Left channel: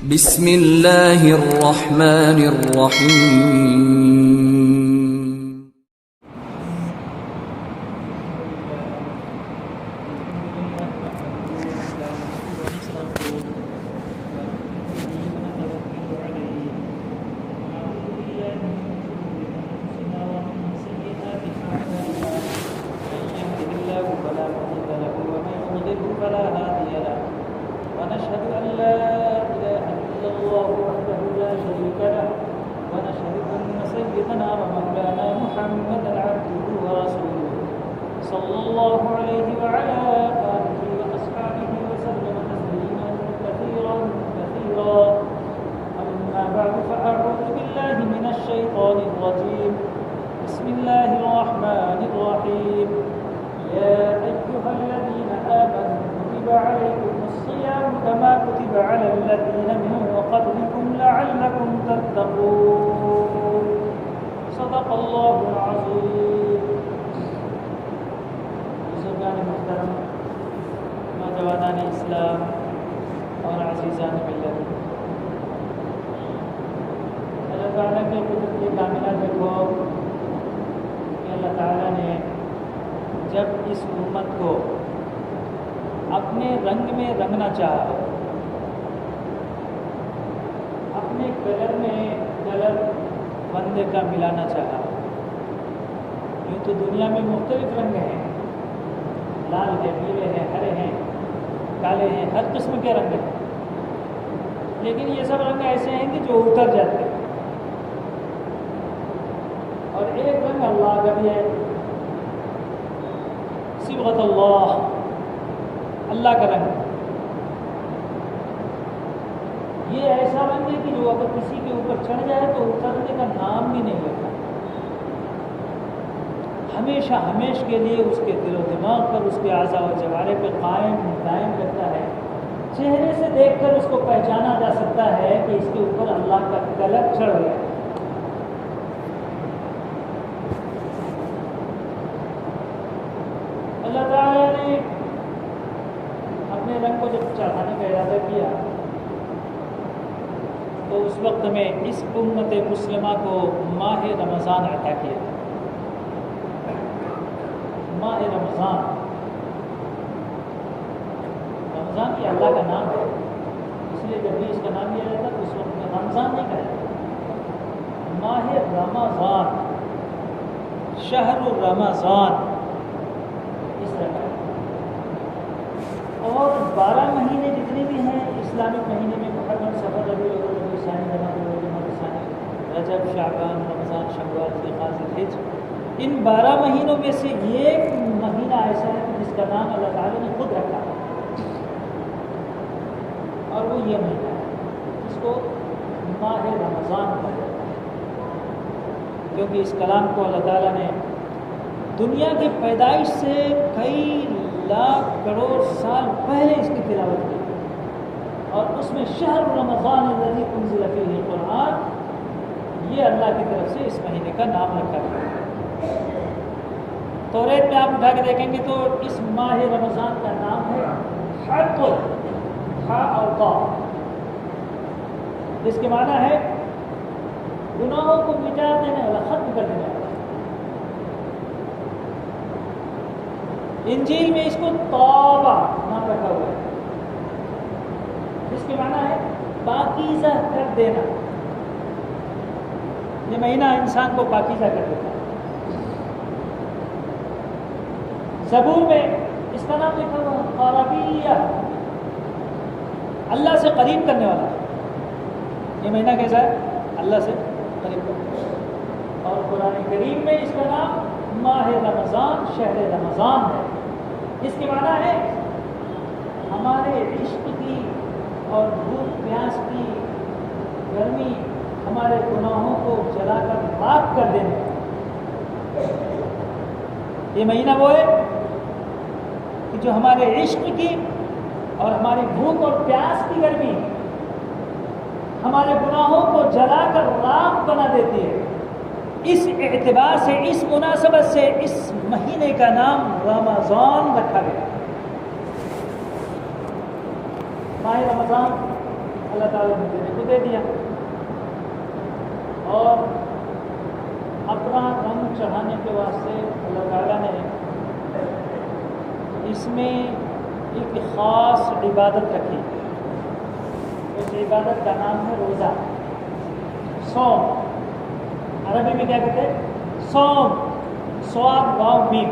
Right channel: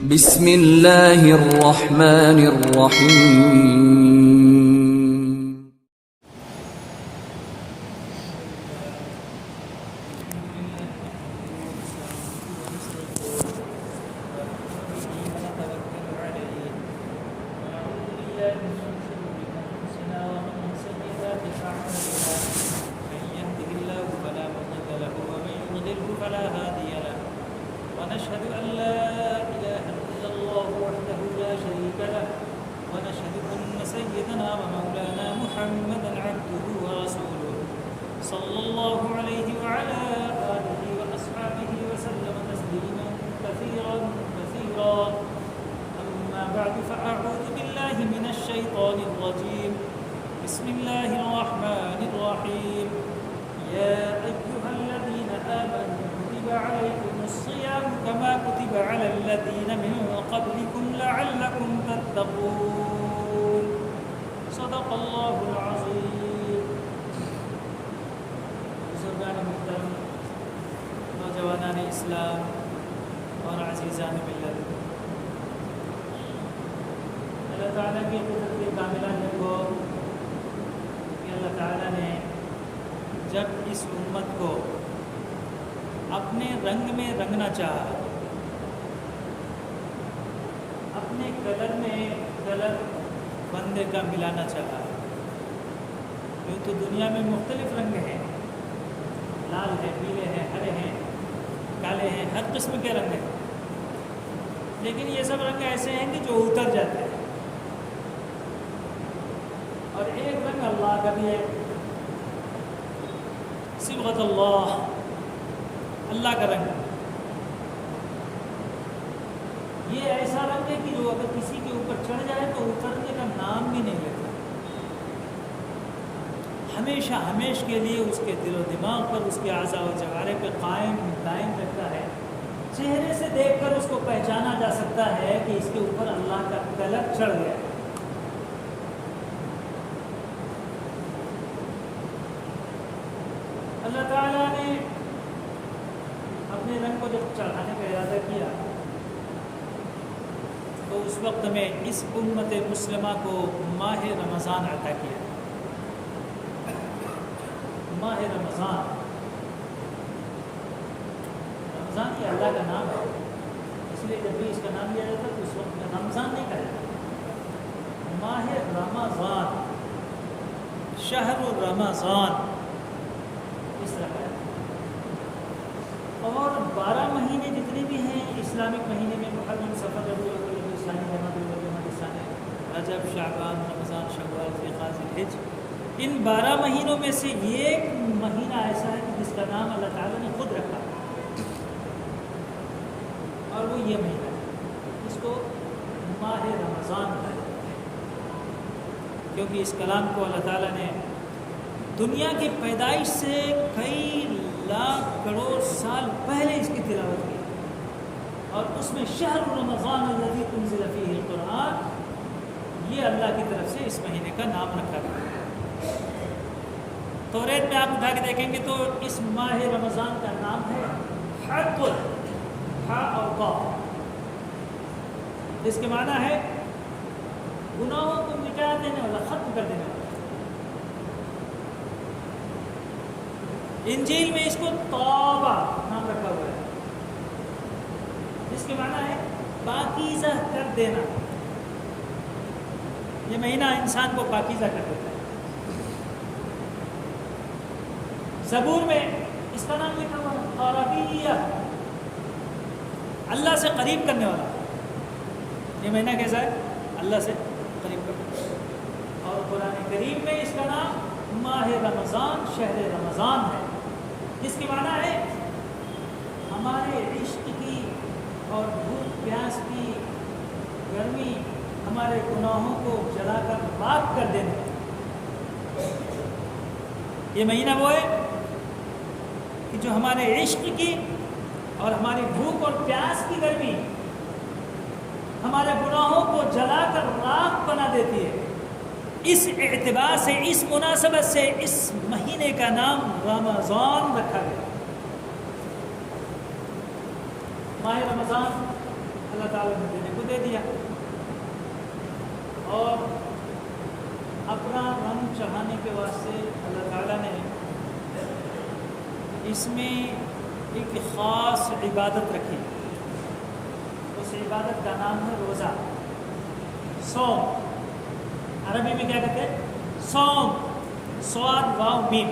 بسم اللہ الرحمن الرحیم صدق اللہ العظیم۔ بزرگان محترم، نوجوانان اسلام اور عزیزان ملت، اللہ تعالیٰ کی قدرت کی کاملہ دیکھو کہ اللہ تعالیٰ نے جب اس امت کو اپنے رنگ میں رنگنا چاہا، اپنے کلر میں کلر بندے کا ملانا چاہا۔ یوں تو دنیا میں مختلف رنگ ہیں، لال ہے، پیلے ہیں، ہرے ہیں، کالے ہیں، ہر قسم کے رنگ ہیں، لیکن یہ سب رنگ ایسے ہیں کہ جو اتر جاتے ہیں، اور ایک رنگ اللہ کا بھی ہے، صبغۃ اللہ، اللہ کا رنگ۔ یہ ایسا رنگ ہے کہ جو اگر کسی کے اوپر چڑھ جائے تو اترنے کا نام بھی نہیں لیتا، ہمیشہ ہمیش کے لیے اس کے دل و دماغ پر، اس کے اعضاء و جوارح پہ قائم دائم رہتا ہے۔ چہرے سے دیکھ کر اس کو پہچانا جا سکتا ہے کہ اس کے اوپر اللہ کا کلر چڑھ گیا۔ اللہ تعالیٰ نے اپنے رنگ کو جب چڑھانے کا ارادہ کیا تو اس وقت میں اس امت مسلمہ کو ماہ رمضان عطا کیا۔ ماہ رمضان، رمضان کی اللہ کا نام ہے، اس لیے جب بھی اس کا نام لیا جاتا تو اس وقت میں رمضان نہیں کہتے، ماہ رمضان، شہر رمضان اس طرح ہے۔ اور 12 مہینے جتنے بھی ہیں اسلامک مہینے میں، محرم، صفر، ربیع الاول، رجب، شعبان، رمضان، شوال، ذوالقعدہ، ذوالحجہ، ان 12 مہینوں میں سے ایک مہینہ ایسا ہے جس کا نام اللہ تعالیٰ نے خود رکھا ہے، اور وہ یہ مہینہ ہے، اس کو ماہ رمضان کہا جاتا ہے، کیونکہ اس کلام کو اللہ تعالیٰ نے دنیا کی پیدائش سے کئی لاکھ کروڑ سال پہلے اس کی تلاوت کی، اور اس میں شہر رمضان الذی انزل فیہ القرآن، یہ اللہ کی طرف سے اس مہینے کا نام رکھا گیا۔ توریت میں آپ اٹھا کے دیکھیں گے تو اس ماہ رمضان کا نام ہے حق، ہا اور قا، جس کے معنی ہے گناہوں کو مٹا دینے والا، ختم کر دینے والا۔ انجیل میں اس کو توبہ نام رکھا ہوا ہے، جس کے معنی ہے پاکیزہ کر دینا۔ یہ مہینہ انسان کو پاکیزہ کر دیتا ہے۔ زبور میں اس کا نام لکھا ہوا ہے قربیہ، اللہ سے قریب کرنے والا۔ یہ مہینہ کیسا ہے؟ اللہ سے قریب کرنے والا۔ اور قرآن کریم میں اس کا نام ماہ رمضان، شہر رمضان ہے، جس کے معنی ہے ہمارے عشق کی اور بھوک پیاس کی گرمی، ہمارے گناہوں کو جلا کر راکھ کر دینے۔ یہ مہینہ وہ ہے کہ جو ہمارے عشق کی اور ہماری بھوک اور پیاس کی گرمی، ہمارے گناہوں کو جلا کر راکھ بنا دیتی ہے۔ اس اعتبار سے، اس مناسبت سے اس مہینے کا نام رمضان رکھا گیا۔ ماہ رمضان اللہ تعالیٰ نے دینے کو دے دیا، اور اپنا رنگ چڑھانے کے واسطے اللہ تعالیٰ نے اس میں ایک خاص عبادت رکھی. اس عبادت کا نام ہے روزہ، صوم. عربی میں کیا کہتے ہیں؟ صوم، صاد واو میم،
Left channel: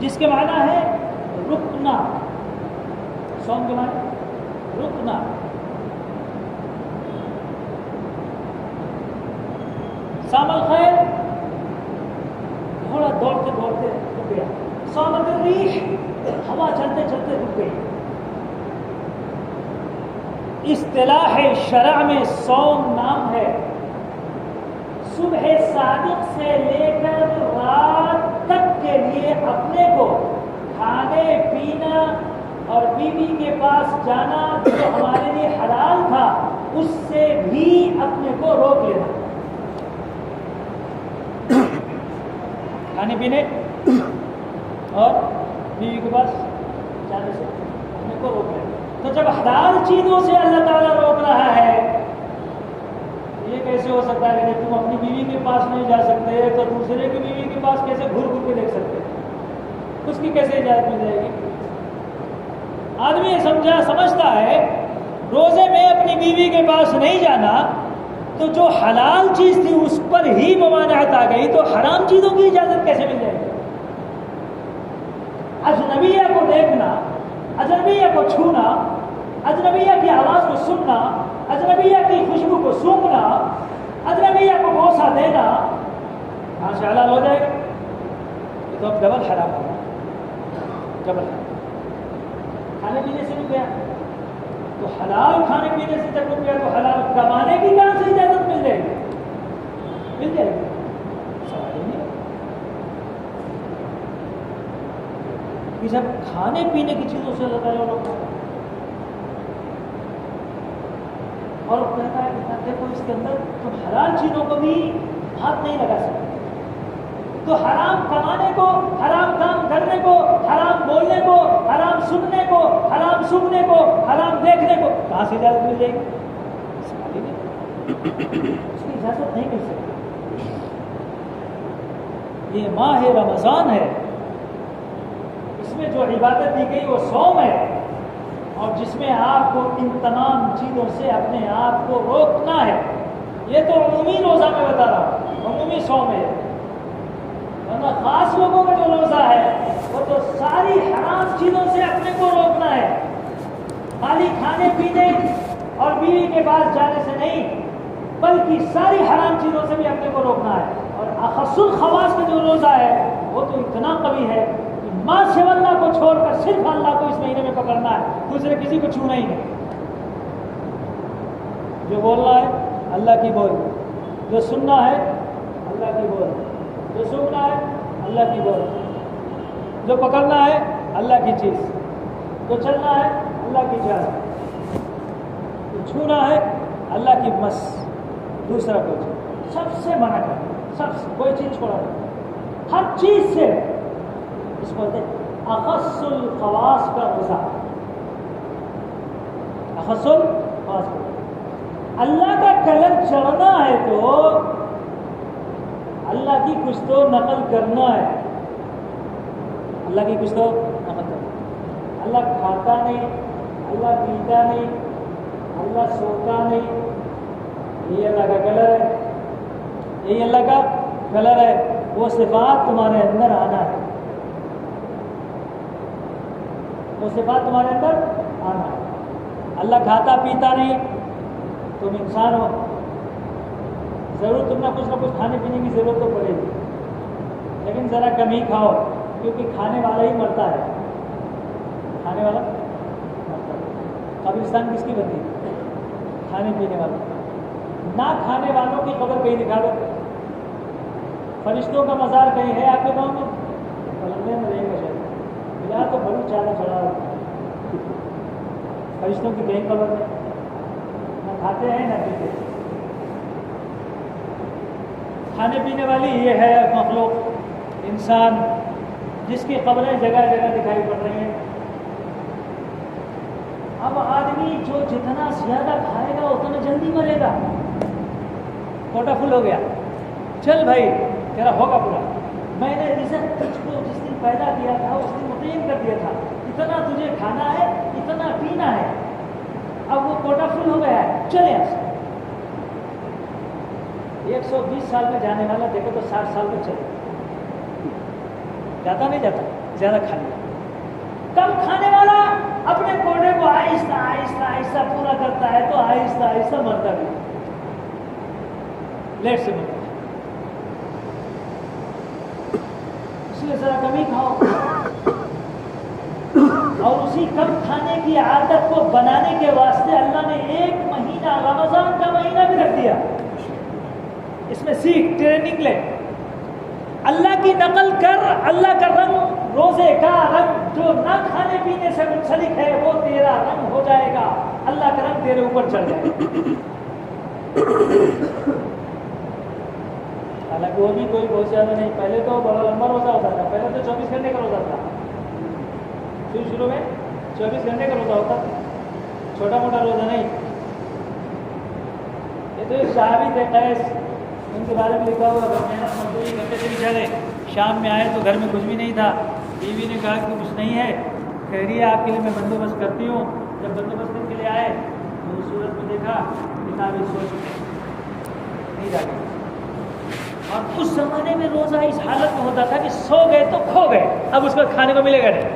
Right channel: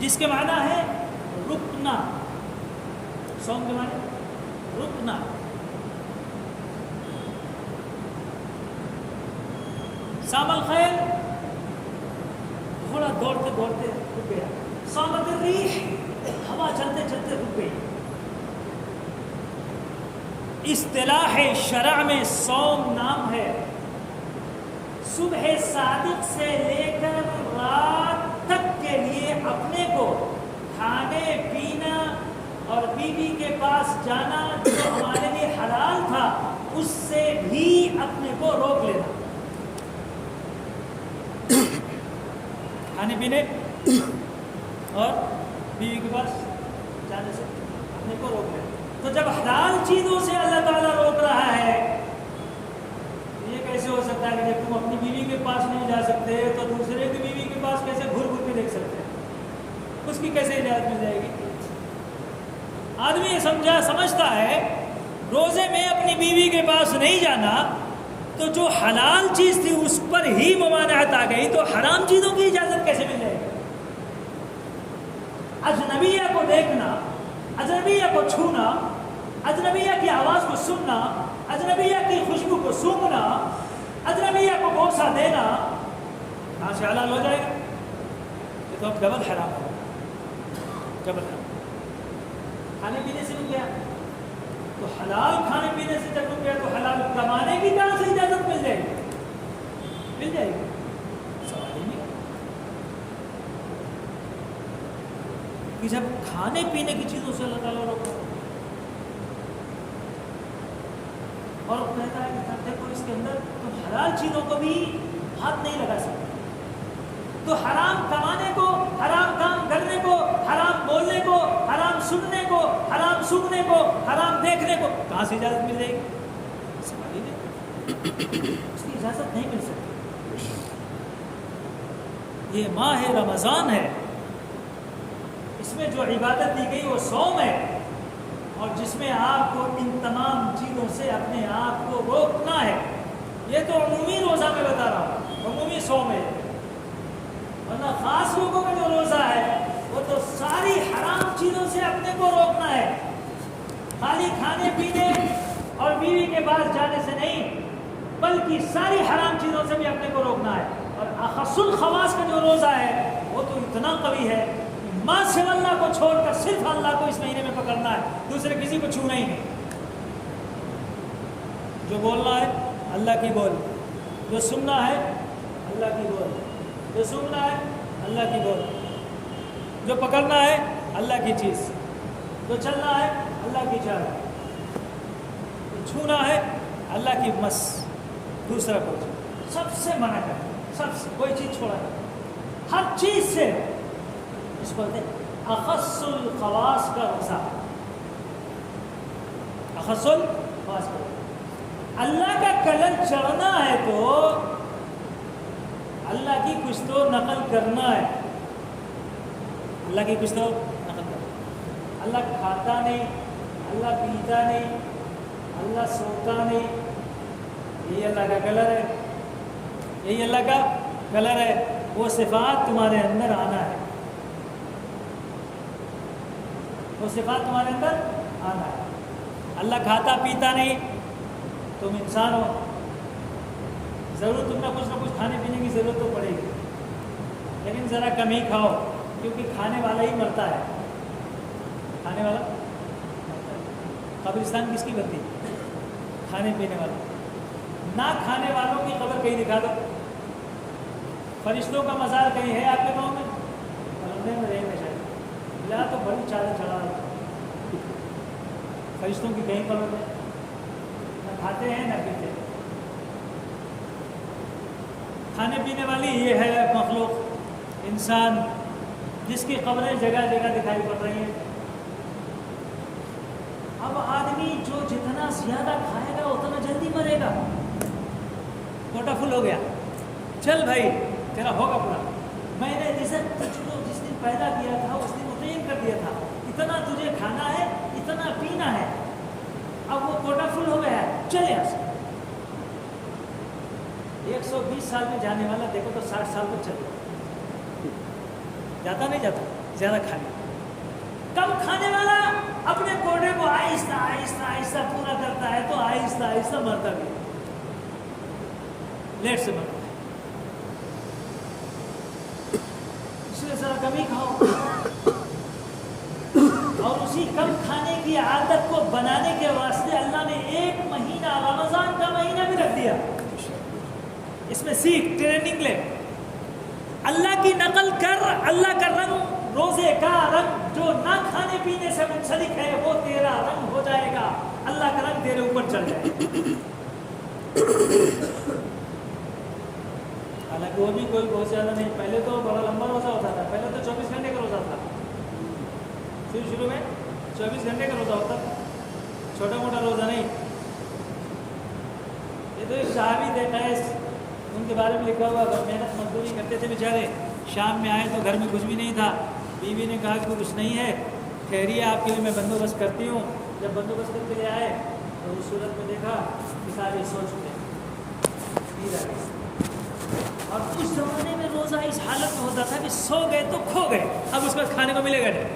جس کے معنی ہے رکنا. صوم کے معنی رکنا. صام الخیر، تھوڑا دوڑتے دوڑتے رک گیا. صامت الریح، ہوا چلتے چلتے رک گئی. اصطلاح شرع میں صوم نام ہے صبح صادق سے لے کر رات تک کے لیے اپنے کو کھانے پینا اور بیوی کے پاس جانا جو ہمارے لیے حلال تھا اس سے بھی اپنے کو روک لینا. کھانے پینے اور بیوی کے پاس جانے سے اپنے کو روک لینا. تو جب حلال چیزوں سے اللہ تعالیٰ روک رہا ہے، یہ کیسے ہو سکتا ہے کہ جب تم اپنی بیوی کے پاس نہیں جا سکتے تو دوسرے کی بیوی کے پاس کیسے گھر گھر کے دیکھ سکتے؟ اس کی کیسے اجازت مل جائے گی؟ آدمی یہ سمجھتا ہے روزے میں اپنی بیوی کے پاس نہیں جانا تو جو حلال چیز تھی اس پر ہی ممانعت آ گئی، تو حرام چیزوں کی اجازت کیسے مل جائے گی؟ اجنبیہ کو دیکھنا، اجنبیہ کو چھونا، اجنبیہ کی آواز کو سننا، اجنبیہ کی خوشبو کو سونگنا، اجنبیہ کو بوسہ دینا، کہاں سے حلال ہو جائے گا؟ تو اب ڈبل حرام ہوگا. ڈبل حرام. کھانے پینے سے رک گیا تو حلال کھانے پینے سے جب رک گیا تو حلال کمانے کی کہاں سے اجازت مل جائے گی؟ مل جائے گی؟ سوال ہی نہیں. کہ جب کھانے پینے کی چیزوں سے اللہ تعالیٰ روکا اور کہتا ہے کہ دیکھو اس کے اندر تم حلال چیزوں کو بھی ہاتھ نہیں لگا سکتے، تو حرام کمانے کو، حرام کام کرنے کو، حرام بولنے کو، حرام سننے کو، حرام سننے کو، حرام دیکھنے کو کہاں سے اجازت مل جائے گی؟ سوال ہی نہیں. اس کی اجازت نہیں مل سکتی. یہ ماہ رمضان ہے، اس میں جو عبادت دی گئی وہ صوم ہے، اور جس میں آپ کو ان تمام چیزوں سے اپنے آپ کو روکنا ہے. یہ تو عمومی روزہ میں بتا رہا ہوں، عمومی صوم ہے. ورنہ خاص لوگوں کا جو روزہ ہے وہ تو ساری حرام چیزوں سے اپنے کو روکنا ہے. خالی کھانے پینے اور بیوی کے پاس جانے سے نہیں، بلکہ ساری حرام چیزوں سے بھی اپنے کو روکنا ہے. اور اخص الخواص کا جو روزہ ہے وہ تو اتنا قوی ہے کہ ماں سے اللہ کو چھوڑ کر صرف اللہ کو اس مہینے میں پکڑنا ہے، دوسرے کسی کو چھونا ہی نہیں. جو بولنا ہے اللہ کی بول، جو سننا ہے اللہ کی بول، جو سننا ہے اللہ کی بول، جو پکڑنا ہے اللہ کی چیز، جو چلنا ہے اللہ کی جان، جو چھونا ہے اللہ کی مس، دوسرا کوئی چیز سب سے منع کرنا، سب سے کوئی چیز چھوڑا نہیں، ہر چیز سے. اس کو کہتے ہیں اخص الخواص کا روزہ. اخص الخواص کا اللہ کا کلر چڑھنا ہے تو اللہ کی کچھ تو نقل کرنا ہے. اللہ کی کچھ تو نقل کرنا. اللہ کھاتا نہیں، اللہ پیتا نہیں، اللہ سوتا نہیں. یہی اللہ کا کلر ہے، یہی اللہ کا کلر ہے. وہ صفات تمہارے اندر آنا ہے، وہ صفات تمہارے اندر آنا ہے. اللہ کھاتا پیتا نہیں، تم انسان ہو، ضرور تم نہ کچھ کھانے پینے کی ضرورت تو پڑے گی، لیکن ذرا کم ہی کھاؤ، کیونکہ کھانے والا ہی مرتا ہے. کھانے والا مرتا ہے. قبرستان کس کی بنتی ہے؟ کھانے پینے والا. نہ کھانے والوں کی قبر کہیں دکھا دو. فرشتوں کا مزار کہیں ہے آپ کے گاؤں میں؟ پلندے میں رہیں گے شاید، ملا تو بڑی چادر چڑھا رہا. فرشتوں کی کہیں قبر ہے؟ نہ کھاتے ہیں نہ پیتے. کھانے پینے والی یہ ہے مخلوق، انسان، جس کی قبریں جگہ جگہ دکھائی پڑ رہی ہیں. اب آدمی جو جتنا زیادہ کھائے گا اتنا جلدی مرے گا. کوٹا فل ہو گیا, چل بھائی تیرا ہوگا پورا. میں نے رزق تجھ کو جس دن پیدا کیا تھا اس دن متعین کر دیا تھا, اتنا تجھے کھانا ہے, اتنا پینا ہے. اب وہ کوٹا فل ہو گیا ہے, چلے یہاں سے. 120 سال میں جانے والا دیکھو تو 60 سال تک چلے جاتا, نہیں جاتا, زیادہ کھا لیا. کم کھانے والا اپنے کوٹے کو آہستہ آہستہ آہستہ پورا کرتا ہے تو آہستہ آہستہ مرتا بھی, لیٹ سے مرتا. اس لیے ذرا کمی کھاؤ, اور اسی کم کھانے کی عادت کو بنانے کے واسطے اللہ نے 1 مہینہ رمضان کا مہینہ بھی رکھ دیا. اس میں سیکھ, ٹریننگ لے, اللہ کی نقل کر. اللہ کا رنگ, روزے کا رنگ جو نہ کھانے پینے سے منسلک ہے وہ تیرا رنگ ہو جائے گا, اللہ کا رنگ تیرے اوپر چڑھ جائے گا. حالانکہ وہ بھی کوئی بہت زیادہ نہیں, پہلے تو بڑا لمبا روزہ ہوتا تھا. پہلے تو 24 گھنٹے کا روزہ تھا, شروع میں 24 گھنٹے کا روزہ ہوتا تھا, چھوٹا موٹا روزہ نہیں. یہ تو ایک صحابی تھے قیس, ان کے بارے میں لکھا ہوا تھا, محنت مزدوری کرتے تھے بیچارے. شام میں آئے تو گھر میں کچھ بھی نہیں تھا. بیوی نے کہا کہ کچھ نہیں ہے, ٹھہریے آپ کے لیے میں بندوبست کرتی ہوں. جب بندوبست کے لیے آئے تو اس صورت میں دیکھا کہ ساری سو چکے نہیں جاتی. اور اس زمانے میں روزہ اس حالت میں ہوتا تھا کہ سو گئے تو کھو گئے, اب اس کے بعد کھانے کو ملے گا نہیں,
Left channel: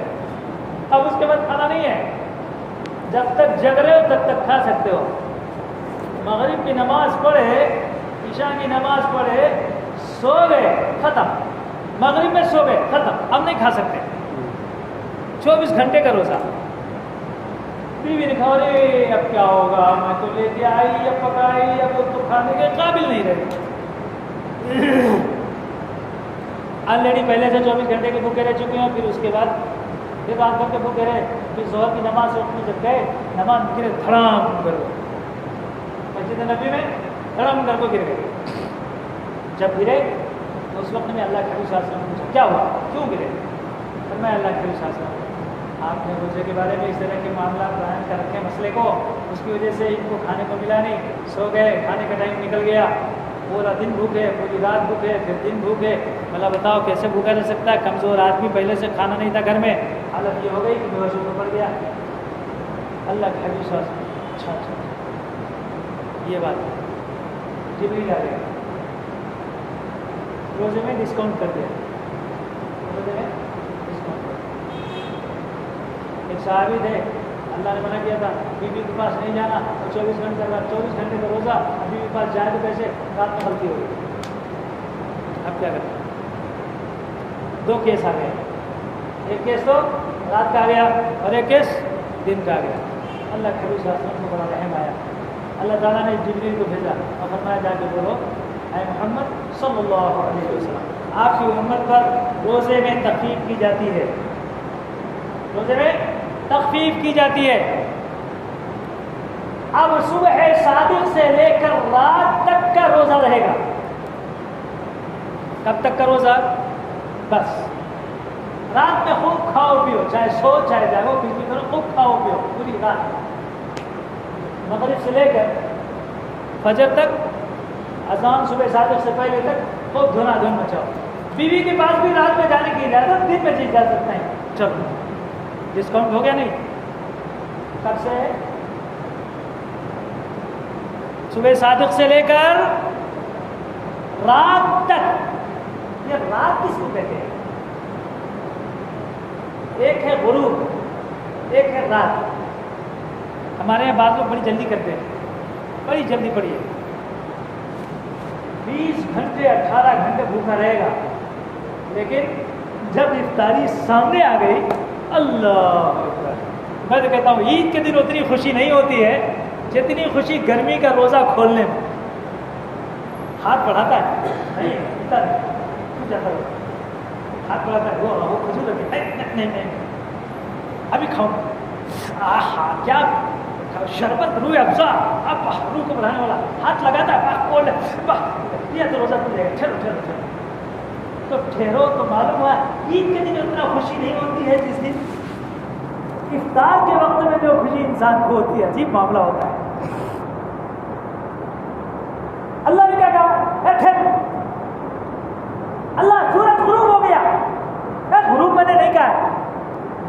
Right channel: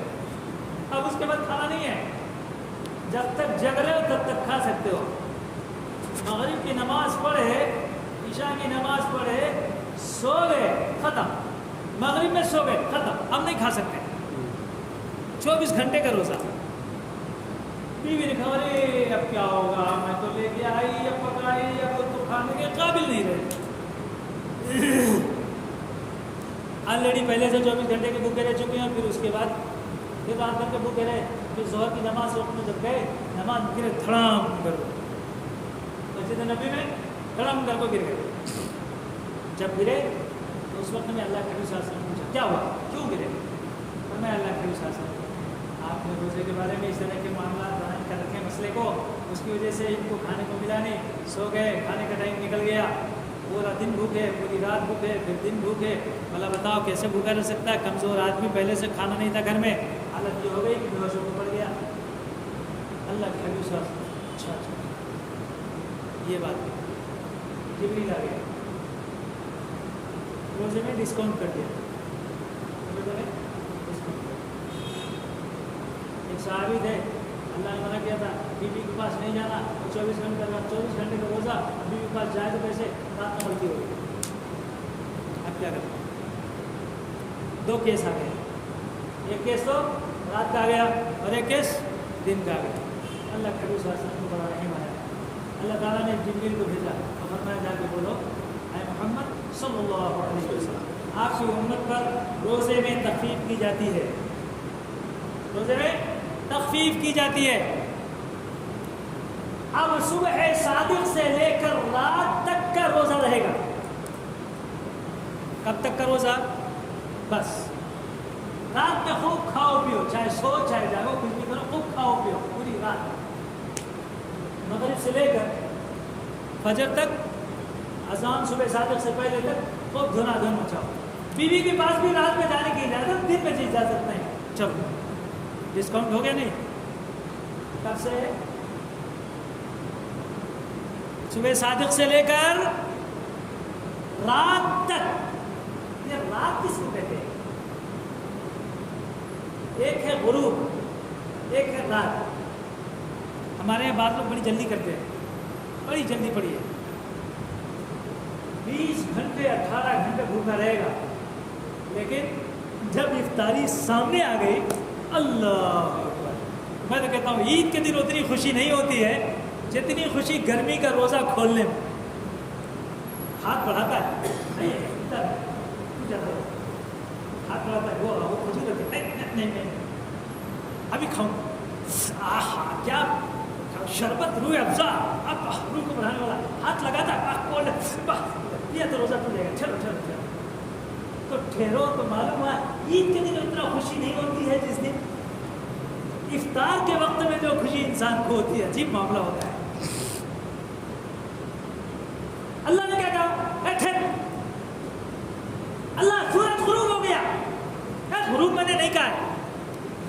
اب اس کے بعد کھانا نہیں ہے. جب تک جگ رہے ہو تب تک کھا سکتے ہو. مغرب کی نماز پڑھے, عشاء کی نماز پڑھے, سو گئے, ختم. مغرب میں سو گئے, ختم, اب نہیں کھا سکتے. 24 گھنٹے کا روزہ. بیوی نے کہا ارے اب کیا ہوگا, میں تو لے کے آئی, اب پکائی, اب وہ تو کھانے کے قابل نہیں رہے. آلریڈی پہلے سے 24 گھنٹے کے بھوکے رہ چکے ہیں. پھر اس کے بعد پھر رات بھر کے بھوکے رہے. پھر ظہر کی نماز وقت میں جب گئے, نماز گرے دھڑام کر, مسجد نبی میں دھڑام کر کو گر گئے. جب گرے تو اس وقت میں اللہ کے نبی صلی اللہ علیہ وسلم نے پوچھا کیا ہوا, کیوں گرے؟ اور میں اللہ کے نبی صلی اللہ علیہ وسلم, آپ نے روزے کے بارے میں اس طرح کے معاملات بیان کر رکھے مسئلے کو, اس کی وجہ سے ان کو کھانے کو ملا نہیں, سو گئے, کھانے کا ٹائم نکل گیا, پورا دن بھوکے, پوری رات بھوکے, پھر دن بھوکے. مطلب بتاؤ کیسے بھوکا رہ سکتا ہے؟ کمزور آدمی, پہلے سے کھانا نہیں تھا گھر میں, حالت یہ ہو گئی کہ بے ہوشی میں پڑ گیا. اللہ کے حبیب صلی اللہ علیہ وسلم, اچھا یہ بات جبریل آ گیا, روزے میں ڈسکاؤنٹ کر دیا, روزے میں ڈسکاؤنٹ. ایک صحابی تھے, اللہ نے منع کیا تھا بیوی کے پاس نہیں جانا, اور 24 گھنٹے کا روزہ, بیوی کے پاس جائے تو کیسے, رات میں غلطی ہو گئی. اب کیا کریں؟ 2 کیس آ گئے, ایک کیس تو رات کا آ گیا اور ایک کیس دن کا آ گیا. اللہ کے نبی صلی اللہ علیہ وسلم کو بڑا رحم آیا. اللہ تعالیٰ نے جبریل کو بھیجا اور فرمایا جا کے بولو اے محمد صلی اللہ علیہ وسلم, آپ کی امت پر روزے میں تخفیف کی جاتی ہے, روزے میں تخفیف کی جاتی ہے. اب صبح صادق سے لے کر رات تک کا روزہ رہے گا. کب تک کا روزہ؟ بس رات میں خوب کھاؤ پیو, چاہے سو چاہے جاگو, کچھ بھی کرو, خوب کھاؤ پیو پوری رات. مغرب سے لے کر فجر تک, اذان صبح صادق سے پہلے تک خوب دھنا دھن مچاؤ. بیوی کے پاس بھی رات میں جانے کی اجازت, دن میں جا سکتے ہیں. چلو ڈسکاؤنٹ ہو گیا نہیں؟ کب سے؟ صبح صادق سے لے کر رات تک. یہ رات کس کو کہتے ہیں؟ ایک ہے غروب, ایک ہے رات. ہمارے یہاں بعض لوگ بڑی جلدی کرتے ہیں, بڑی جلدی پڑھیے. 20 گھنٹے 18 گھنٹے بھوکنا رہے گا, لیکن جب افطاری سامنے آ گئی, اللہ اکبر. میں تو کہتا ہوں عید کے دن اتنی خوشی نہیں ہوتی ہے جتنی خوشی گرمی کا روزہ کھولنے میں. ہاتھ بڑھاتا ہے نہیں, اتنا نہیں جاتا, ہاتھ بڑھاتا ہے, وہ خوشی لگی, نہیں ابھی کھاؤ, آہا کیا شربت, روح افزا, اب روح کو بڑھانے والا, ہاتھ لگاتا ہے, یہ تو روزہ کھل جائے گا, چلو چلو چلو. تو ٹھہرو تو معلوم ہوا عید کے دن اتنا خوشی نہیں ہوتی ہے جس دن افطار کے وقت میں جو خوشی انسان کو ہوتی ہے، عجیب معاملہ ہوتا ہے۔ اللہ نے کیا کہا؟ ٹھہر، اللہ سورج غروب ہو گیا، غروب میں نے نہیں کہا ہے،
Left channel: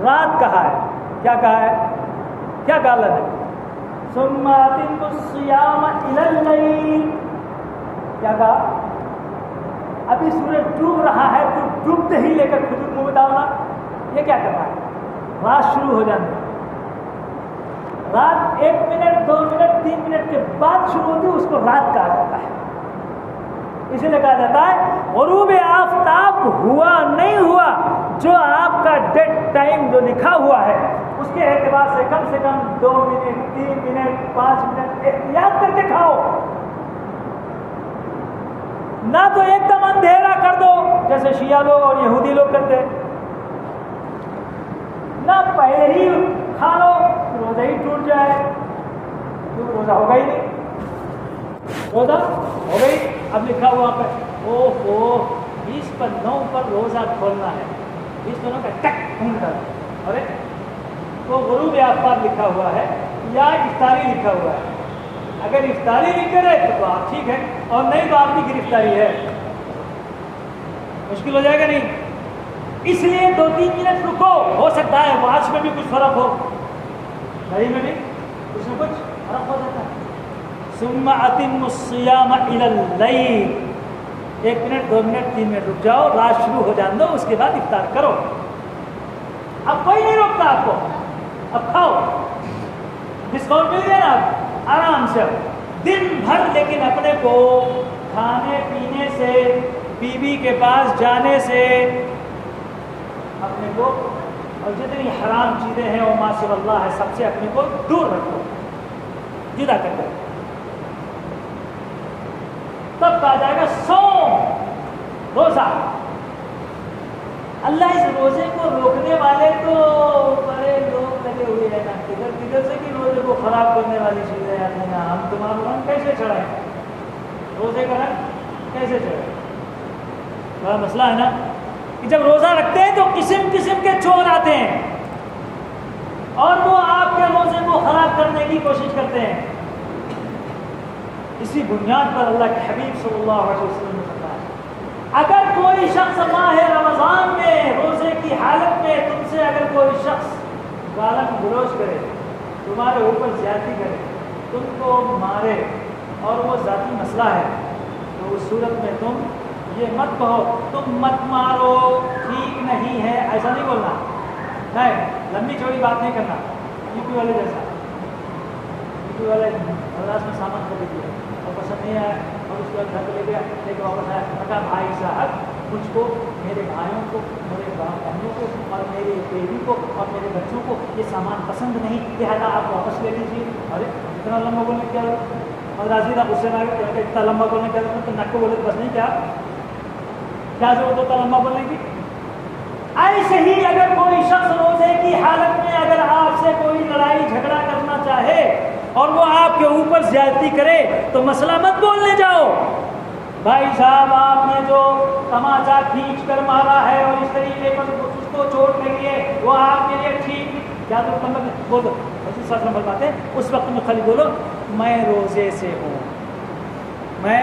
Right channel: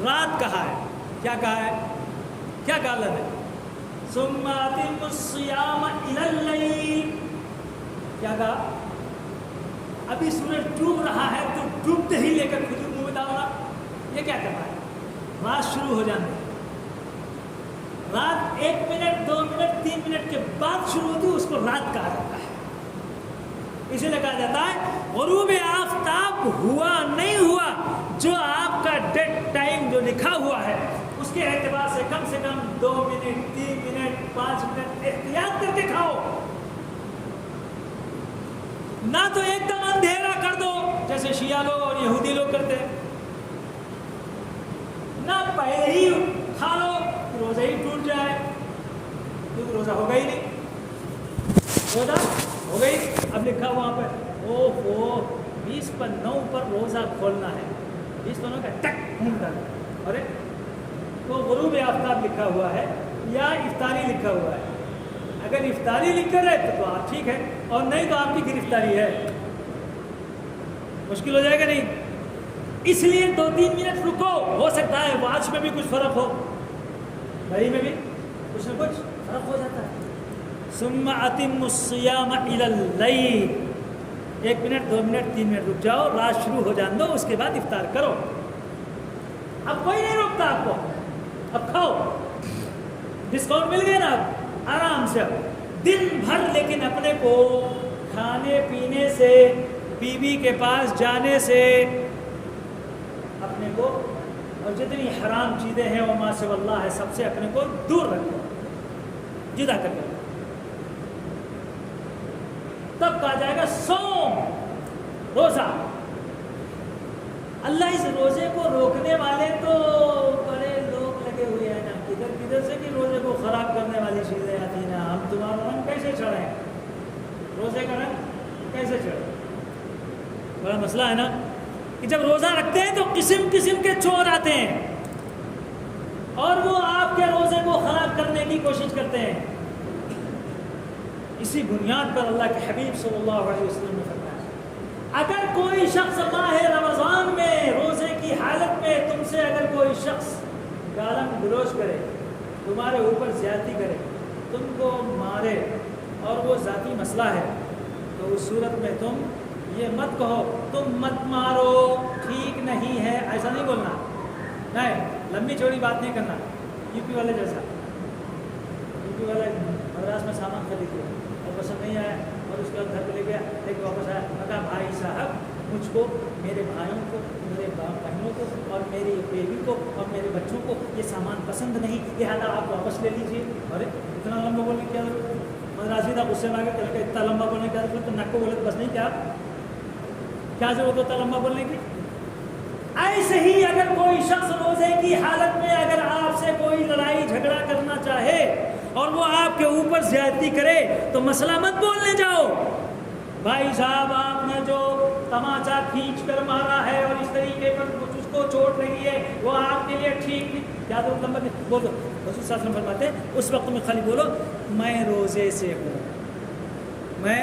رات کہا ہے۔ کیا کہا ہے؟ کیا کہا اللہ نے؟ ثم اتموا الصیام الی اللیل، کیا کہا؟ ابھی سورج ڈوب رہا ہے تو ڈوبتے ہی لے کر کھجور منہ میں ڈالنا، یہ کیا کر رہا ہے؟ رات شروع ہو جانے، رات 1 منٹ 2 منٹ 3 منٹ کے بعد شروع ہوتی ہے، اس کو رات کہا جاتا ہے۔ اسی لیے کہا جاتا ہے غروب آفتاب ہوا نہیں ہوا، جو آپ کا ڈیڈ ٹائم جو لکھا ہوا ہے اس کے اعتبار سے کم 2 منٹ 3 منٹ 5 منٹ احتیاط کر کے کھاؤ، نہ تو ایک دم اندھیرا کر دو جیسے شیعہ لوگ اور یہودی لوگ کرتے، نہ پہلے ہی کھا لو روزہ ہی ٹوٹ جائے، تو روزہ ہوگا ہی نہیں، روزہ ہو گئی۔ اب لکھا ہوا پہ 20/9 پر روزہ کھولنا ہے، 20/9 کا ٹک ڈھونڈ کر، اور وہ غروب آفتاب لکھا ہوا ہے یا افطاری لکھا ہوا ہے۔ اگر افطاری لکھ کر ہے تو بات ٹھیک ہے، اور نہیں تو آپ کی گرفتاری ہے، مشکل ہو جائے گا نہیں۔ اس لیے 2-3 منٹ رکو، ہو سکتا ہے واچ میں بھی کچھ فرق ہو، گھڑی میں بھی کچھ نہ کچھ فرق ہو سکتا ہے۔ ثم اتموا الصیام الی اللیل، 1 منٹ 2 منٹ 3 منٹ رک جاؤ، رات شروع ہو جان دو، اس کے بعد افطار کرو۔ اب کوئی نہیں روکتا آپ کو، اب کھاؤ، ڈسکاؤنٹ مل گیا نا، اب آرام سے اب دن بھر، لیکن اپنے کو کھانے پینے سے، بیوی کے پاس جانے سے اپنے کو، اور جتنی حرام چیزیں ہیں اور ما سوی اللہ ہے سب سے اپنے کو دور رکھو، جدا کر دو۔ تب کہا جائے گا صوم، روزہ۔ اللہ اس روزے کو روکنے والے تو بڑے لوگ لگے ہوئے ہیں نا، کدھر کدھر سے کہ روزے کو خراب کرنے والی چیزیں آتی ہیں نا، ہم تمہارا رنگ کیسے چڑھائیں، روزے کا رنگ کیسے چڑھائیں؟ بڑا مسئلہ ہے نا کہ جب روزہ رکھتے ہیں تو قسم قسم کے چور آتے ہیں اور وہ آپ کے روزے کو خراب کرنے کی کوشش کرتے ہیں۔ اسی بنیاد پر اللہ کے حبیب صلی اللہ علیہ وسلم نے فرمایا، اگر کوئی شخص ماہ رمضان میں روزے کی حالت میں تم سے اگر کوئی شخص گالن گلوچ کرے، تمہارے اوپر زیادتی کرے، تم کو مارے، اور وہ ذاتی مسئلہ ہے، تو اس صورت میں تم یہ مت کہو تم مت مارو، ٹھیک نہیں ہے، ایسا نہیں بولنا، نہیں، لمبی چوڑی بات نہیں کرنا، یو پی والے جیسا، یو پی والے مدراس میں سامان خرید لیا اور پسند نہیں آیا، اور اس کے بعد گھر پہ لے گیا، لے کے واپس آیا، کہا بھائی صاحب مجھ کو، میرے بھائیوں کو، میرے بہنوں کو، اور میری بیوی کو اور میرے بچوں کو یہ سامان پسند نہیں، لہٰذا آپ واپس لے لیجیے۔ ارے اتنا لمبا بولنے کیا ضرورت، مدراسی تھا غصے میں آ کے اتنا لمبا بولنے کیا ضرورت، تو نک کو بولے تو بس نہیں، کیا ضرورت ہوتا لمبا بولنے کی؟ ایسے ہی اگر کوئی شخص روزے کی حالت میں اگر آپ سے کوئی لڑائی جھگڑا کرنا چاہے اور وہ آپ کے اوپر زیادتی کرے تو مسئلہ مت بولنے جاؤ، بھائی صاحب آپ نے جو تماچا کھینچ کر مارا ہے اور اس طریقے پر اس کو چوٹ لگی ہے وہ آپ کے لیے ٹھیک نہیں، کیا تو بولو، رسول صلی اللہ علیہ وسلم فرماتے ہیں اس وقت میں خالی بولو میں روزے سے ہوں، میں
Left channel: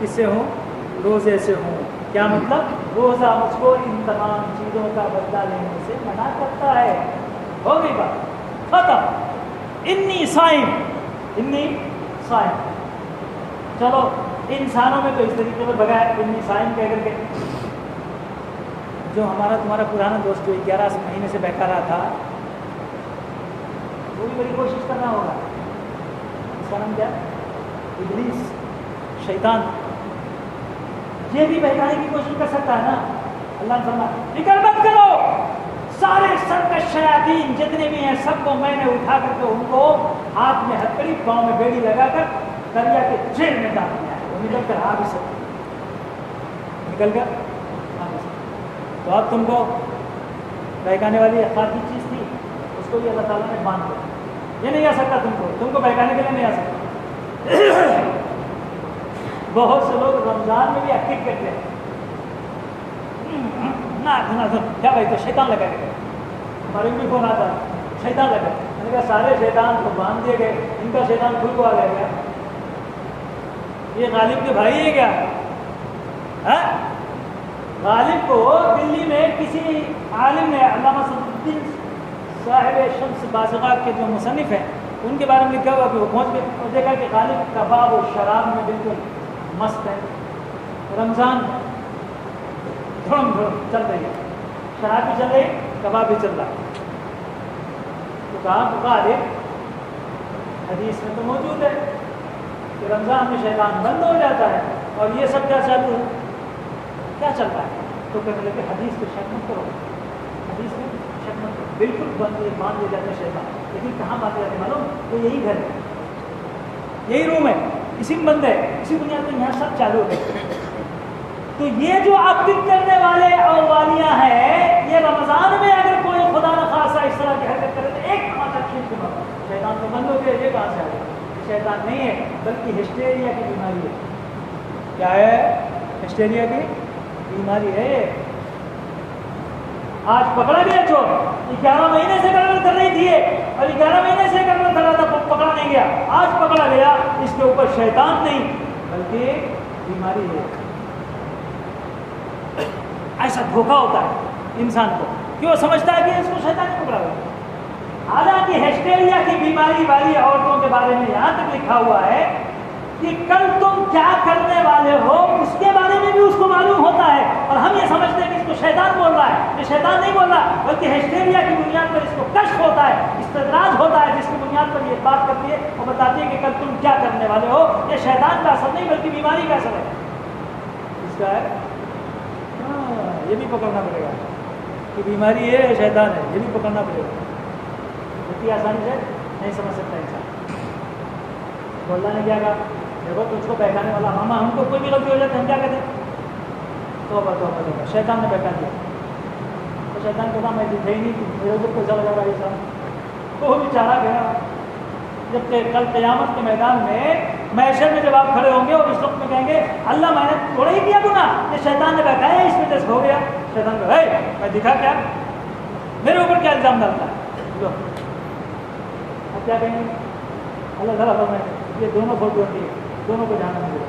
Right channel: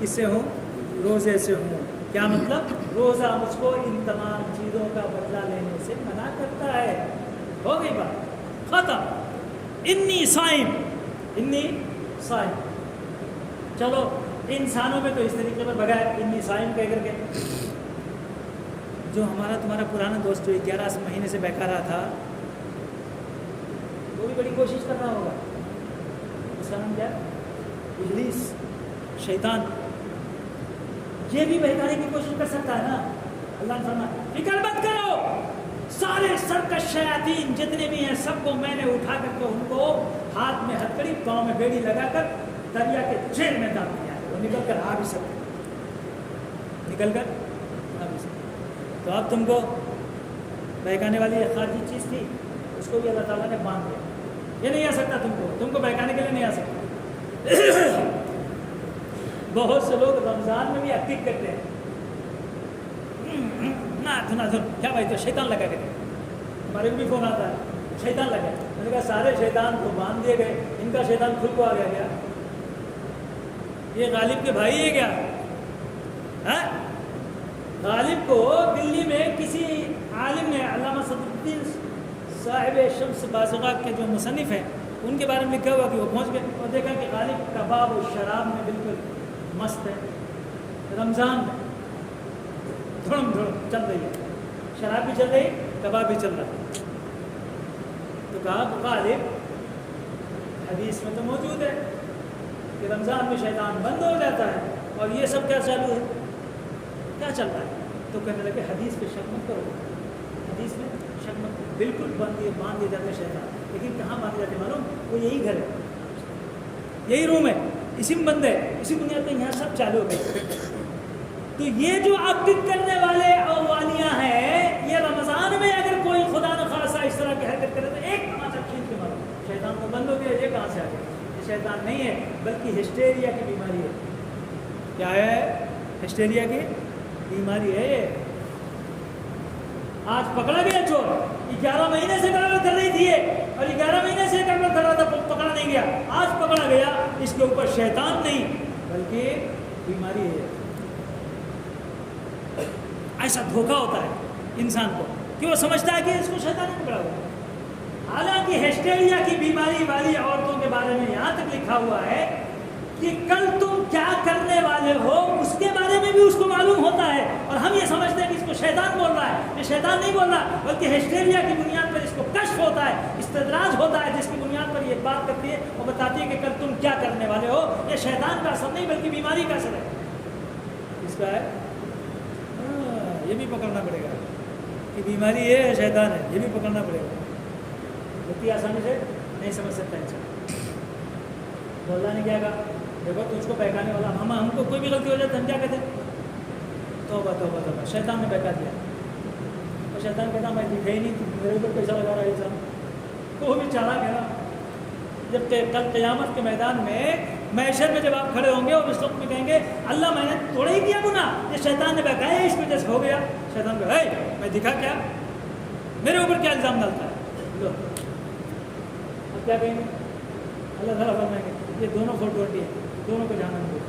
کس سے ہوں؟ روزے سے ہوں۔ کیا مطلب؟ روزہ مجھ کو ان تمام چیزوں کا بدلہ لینے سے منع کرتا ہے، ہو گئی بات ختم۔ انی صائم، انی صائم، چلو انسانوں میں تو اس طریقے پر بغیر انی صائم کہہ کر کے، جو ہمارا تمہارا پرانا دوست جو 11 مہینے سے بیٹھا رہا تھا وہ بھی بڑی کوشش کر رہا ہوگا، اس کا نام کیا؟ ابلیس، شیطان، یہ بھی بہکانے کی کوشش کر سکتا ہے نا۔ اللہ نے فرمایا فکر مت کرو، سارے سرکش شیاطین جتنے بھی ہیں سب کو میں نے اٹھا کر کے ان کو ہاتھ میں ہتکڑی پاؤں میں بیڑی لگا کر دریا کے جیل میں ڈال دیا، وہ نکل کر آ بھی سکتے، نکل کر آ بھی سکتے۔ تو اب تم کو بہکانے والی اخلاقی چیز تھی، اس کو بھی اللہ تعالیٰ نے باندھ دیا، یہ نہیں آ سکتا تم کو بہکانے کے لیے نہیں آ سکتا۔ بہت سے لوگ رمضان میں بھی ایکٹنگ کرتے ہیں، کیا بھائی تو شیطان لگا کے، ہمارے بھی فون آتا شیطان لگا، نے کہا سارے شیطان کو باندھ دیے گئے، ان کا شیطان خود کو آ گیا کیا؟ یہ غالب کے بھائی ہے کیا؟ ہاں، غالب کو دلی میں کسی عالم نے، علامہ صدر الدین صاحب شمس بازغہ کے جو مصنف ہیں ان کے بارے میں لکھا ہوا کہ وہ پہنچ کے اور دیکھا کہ غالب کباب و شراب میں بالکل مست ہے، رمضان میں دھڑم چل رہی ہے، شراب بھی چل رہی ہے، کباب بھی چل رہا ہے۔ تو کہا غالب حدیث میں تو موجود ہے کہ رمضان میں شیطان بند ہو جاتا ہے، اور یہ سب کیا چل رہا ہے، کیا چل رہا ہے؟ تو کہنے لگے حدیث پہ شک مت کرو، حدیث میں شک مت کرو، بالکل باندھ دے جاتے شیطان، لیکن کہاں باندھ جاتے معلوم؟ وہ یہی گھر ہے، یہی روم ہے، اسی میں بند ہے، اسی بنیاد پہ یہاں سب چالو ہے۔ تو یہ جو ایکٹنگ کرنے والے اور والیاں ہیں، یہ رمضان میں اگر کوئی خدا نخواستہ اس طرح کی حرکت کرے تو ایک تماچا کھینچ کے مارو، شیطان تو بند ہو گیا، یہ کہاں سے آ گیا؟ یہ شیطان نہیں ہے بلکہ ہسٹیریا کی بیماری ہے۔ کیا ہے؟ ہسٹیریا کی بیماری ہے۔ آج پکڑا گیا چور، 11 مہینے سے گڑبڑ کر رہی تھی اور 11 مہینے سے گڑبڑ کر رہا تھا، پکڑا نہیں گیا، آج پکڑا گیا۔ اس کے اوپر شیطان نہیں بلکہ بیماری ہے۔ ایسا دھوکہ ہوتا ہے انسان کو کہ وہ سمجھتا ہے کہ اس کو شیطان نہیں پکڑا ہوا، حالانکہ ہسٹیریا کی بیماری والی عورتوں کے بارے میں یہاں تک لکھا ہوا ہے کہ کل تم کیا کرنے والے ہو اس کے بارے میں بھی اس کو معلوم ہوتا ہے، اور ہم یہ سمجھتے ہیں کہ اس کو شیطان بول رہا ہے۔ یہ شیطان نہیں بول رہا بلکہ ہسٹیریا کی بنیاد پر اس کو کشف ہوتا ہے، استدراج ہوتا ہے، جس کی بنیاد پر یہ بات کرتی ہے اور بتاتی ہے کہ کل تم کیا کرنے والے ہو۔ یہ شیطان کا اثر نہیں بلکہ بیماری کا اثر ہے۔ اس کا ہے یہ بھی پکڑنا پڑے گا کہ بیماری ہے شیطان ہے، یہ بھی پکڑنا پڑے گا۔ اتنی آسانی سے نہیں سمجھ سکتا انسان۔ اللہ نے کیا کہا؟ دیکھو تجھ کو بہکانے والا، ہم کو کوئی بھی غلطی ہو جائے تو ہم کیا کہتے ہیں؟ توبہ توبہ توبہ، شیطان نے بہکا دیا۔ تو شیطان کہتا میں دکھے ہی نہیں تھی، میرے اوپر پیسہ لگا رہا یہ سب، تو وہ بھی چارہ گیا۔ جب کہ کل قیامت کے میدان میں محشر میں جب آپ کھڑے ہوں گے اور اس وقت میں کہیں گے اللہ میں نے توڑ ہی دیا گناہ، یہ شیطان نے بہکایا اس وجہ سے ہو گیا۔ شیطان کہا میں دکھا کیا، میرے اوپر کیا الزام ڈالتا ہے؟ تو اب کیا کہیں گے؟ اللہ تعالیٰ فرمائیں گے یہ دونوں فوٹو ہے، دونوں کو جانا نہیں پڑے،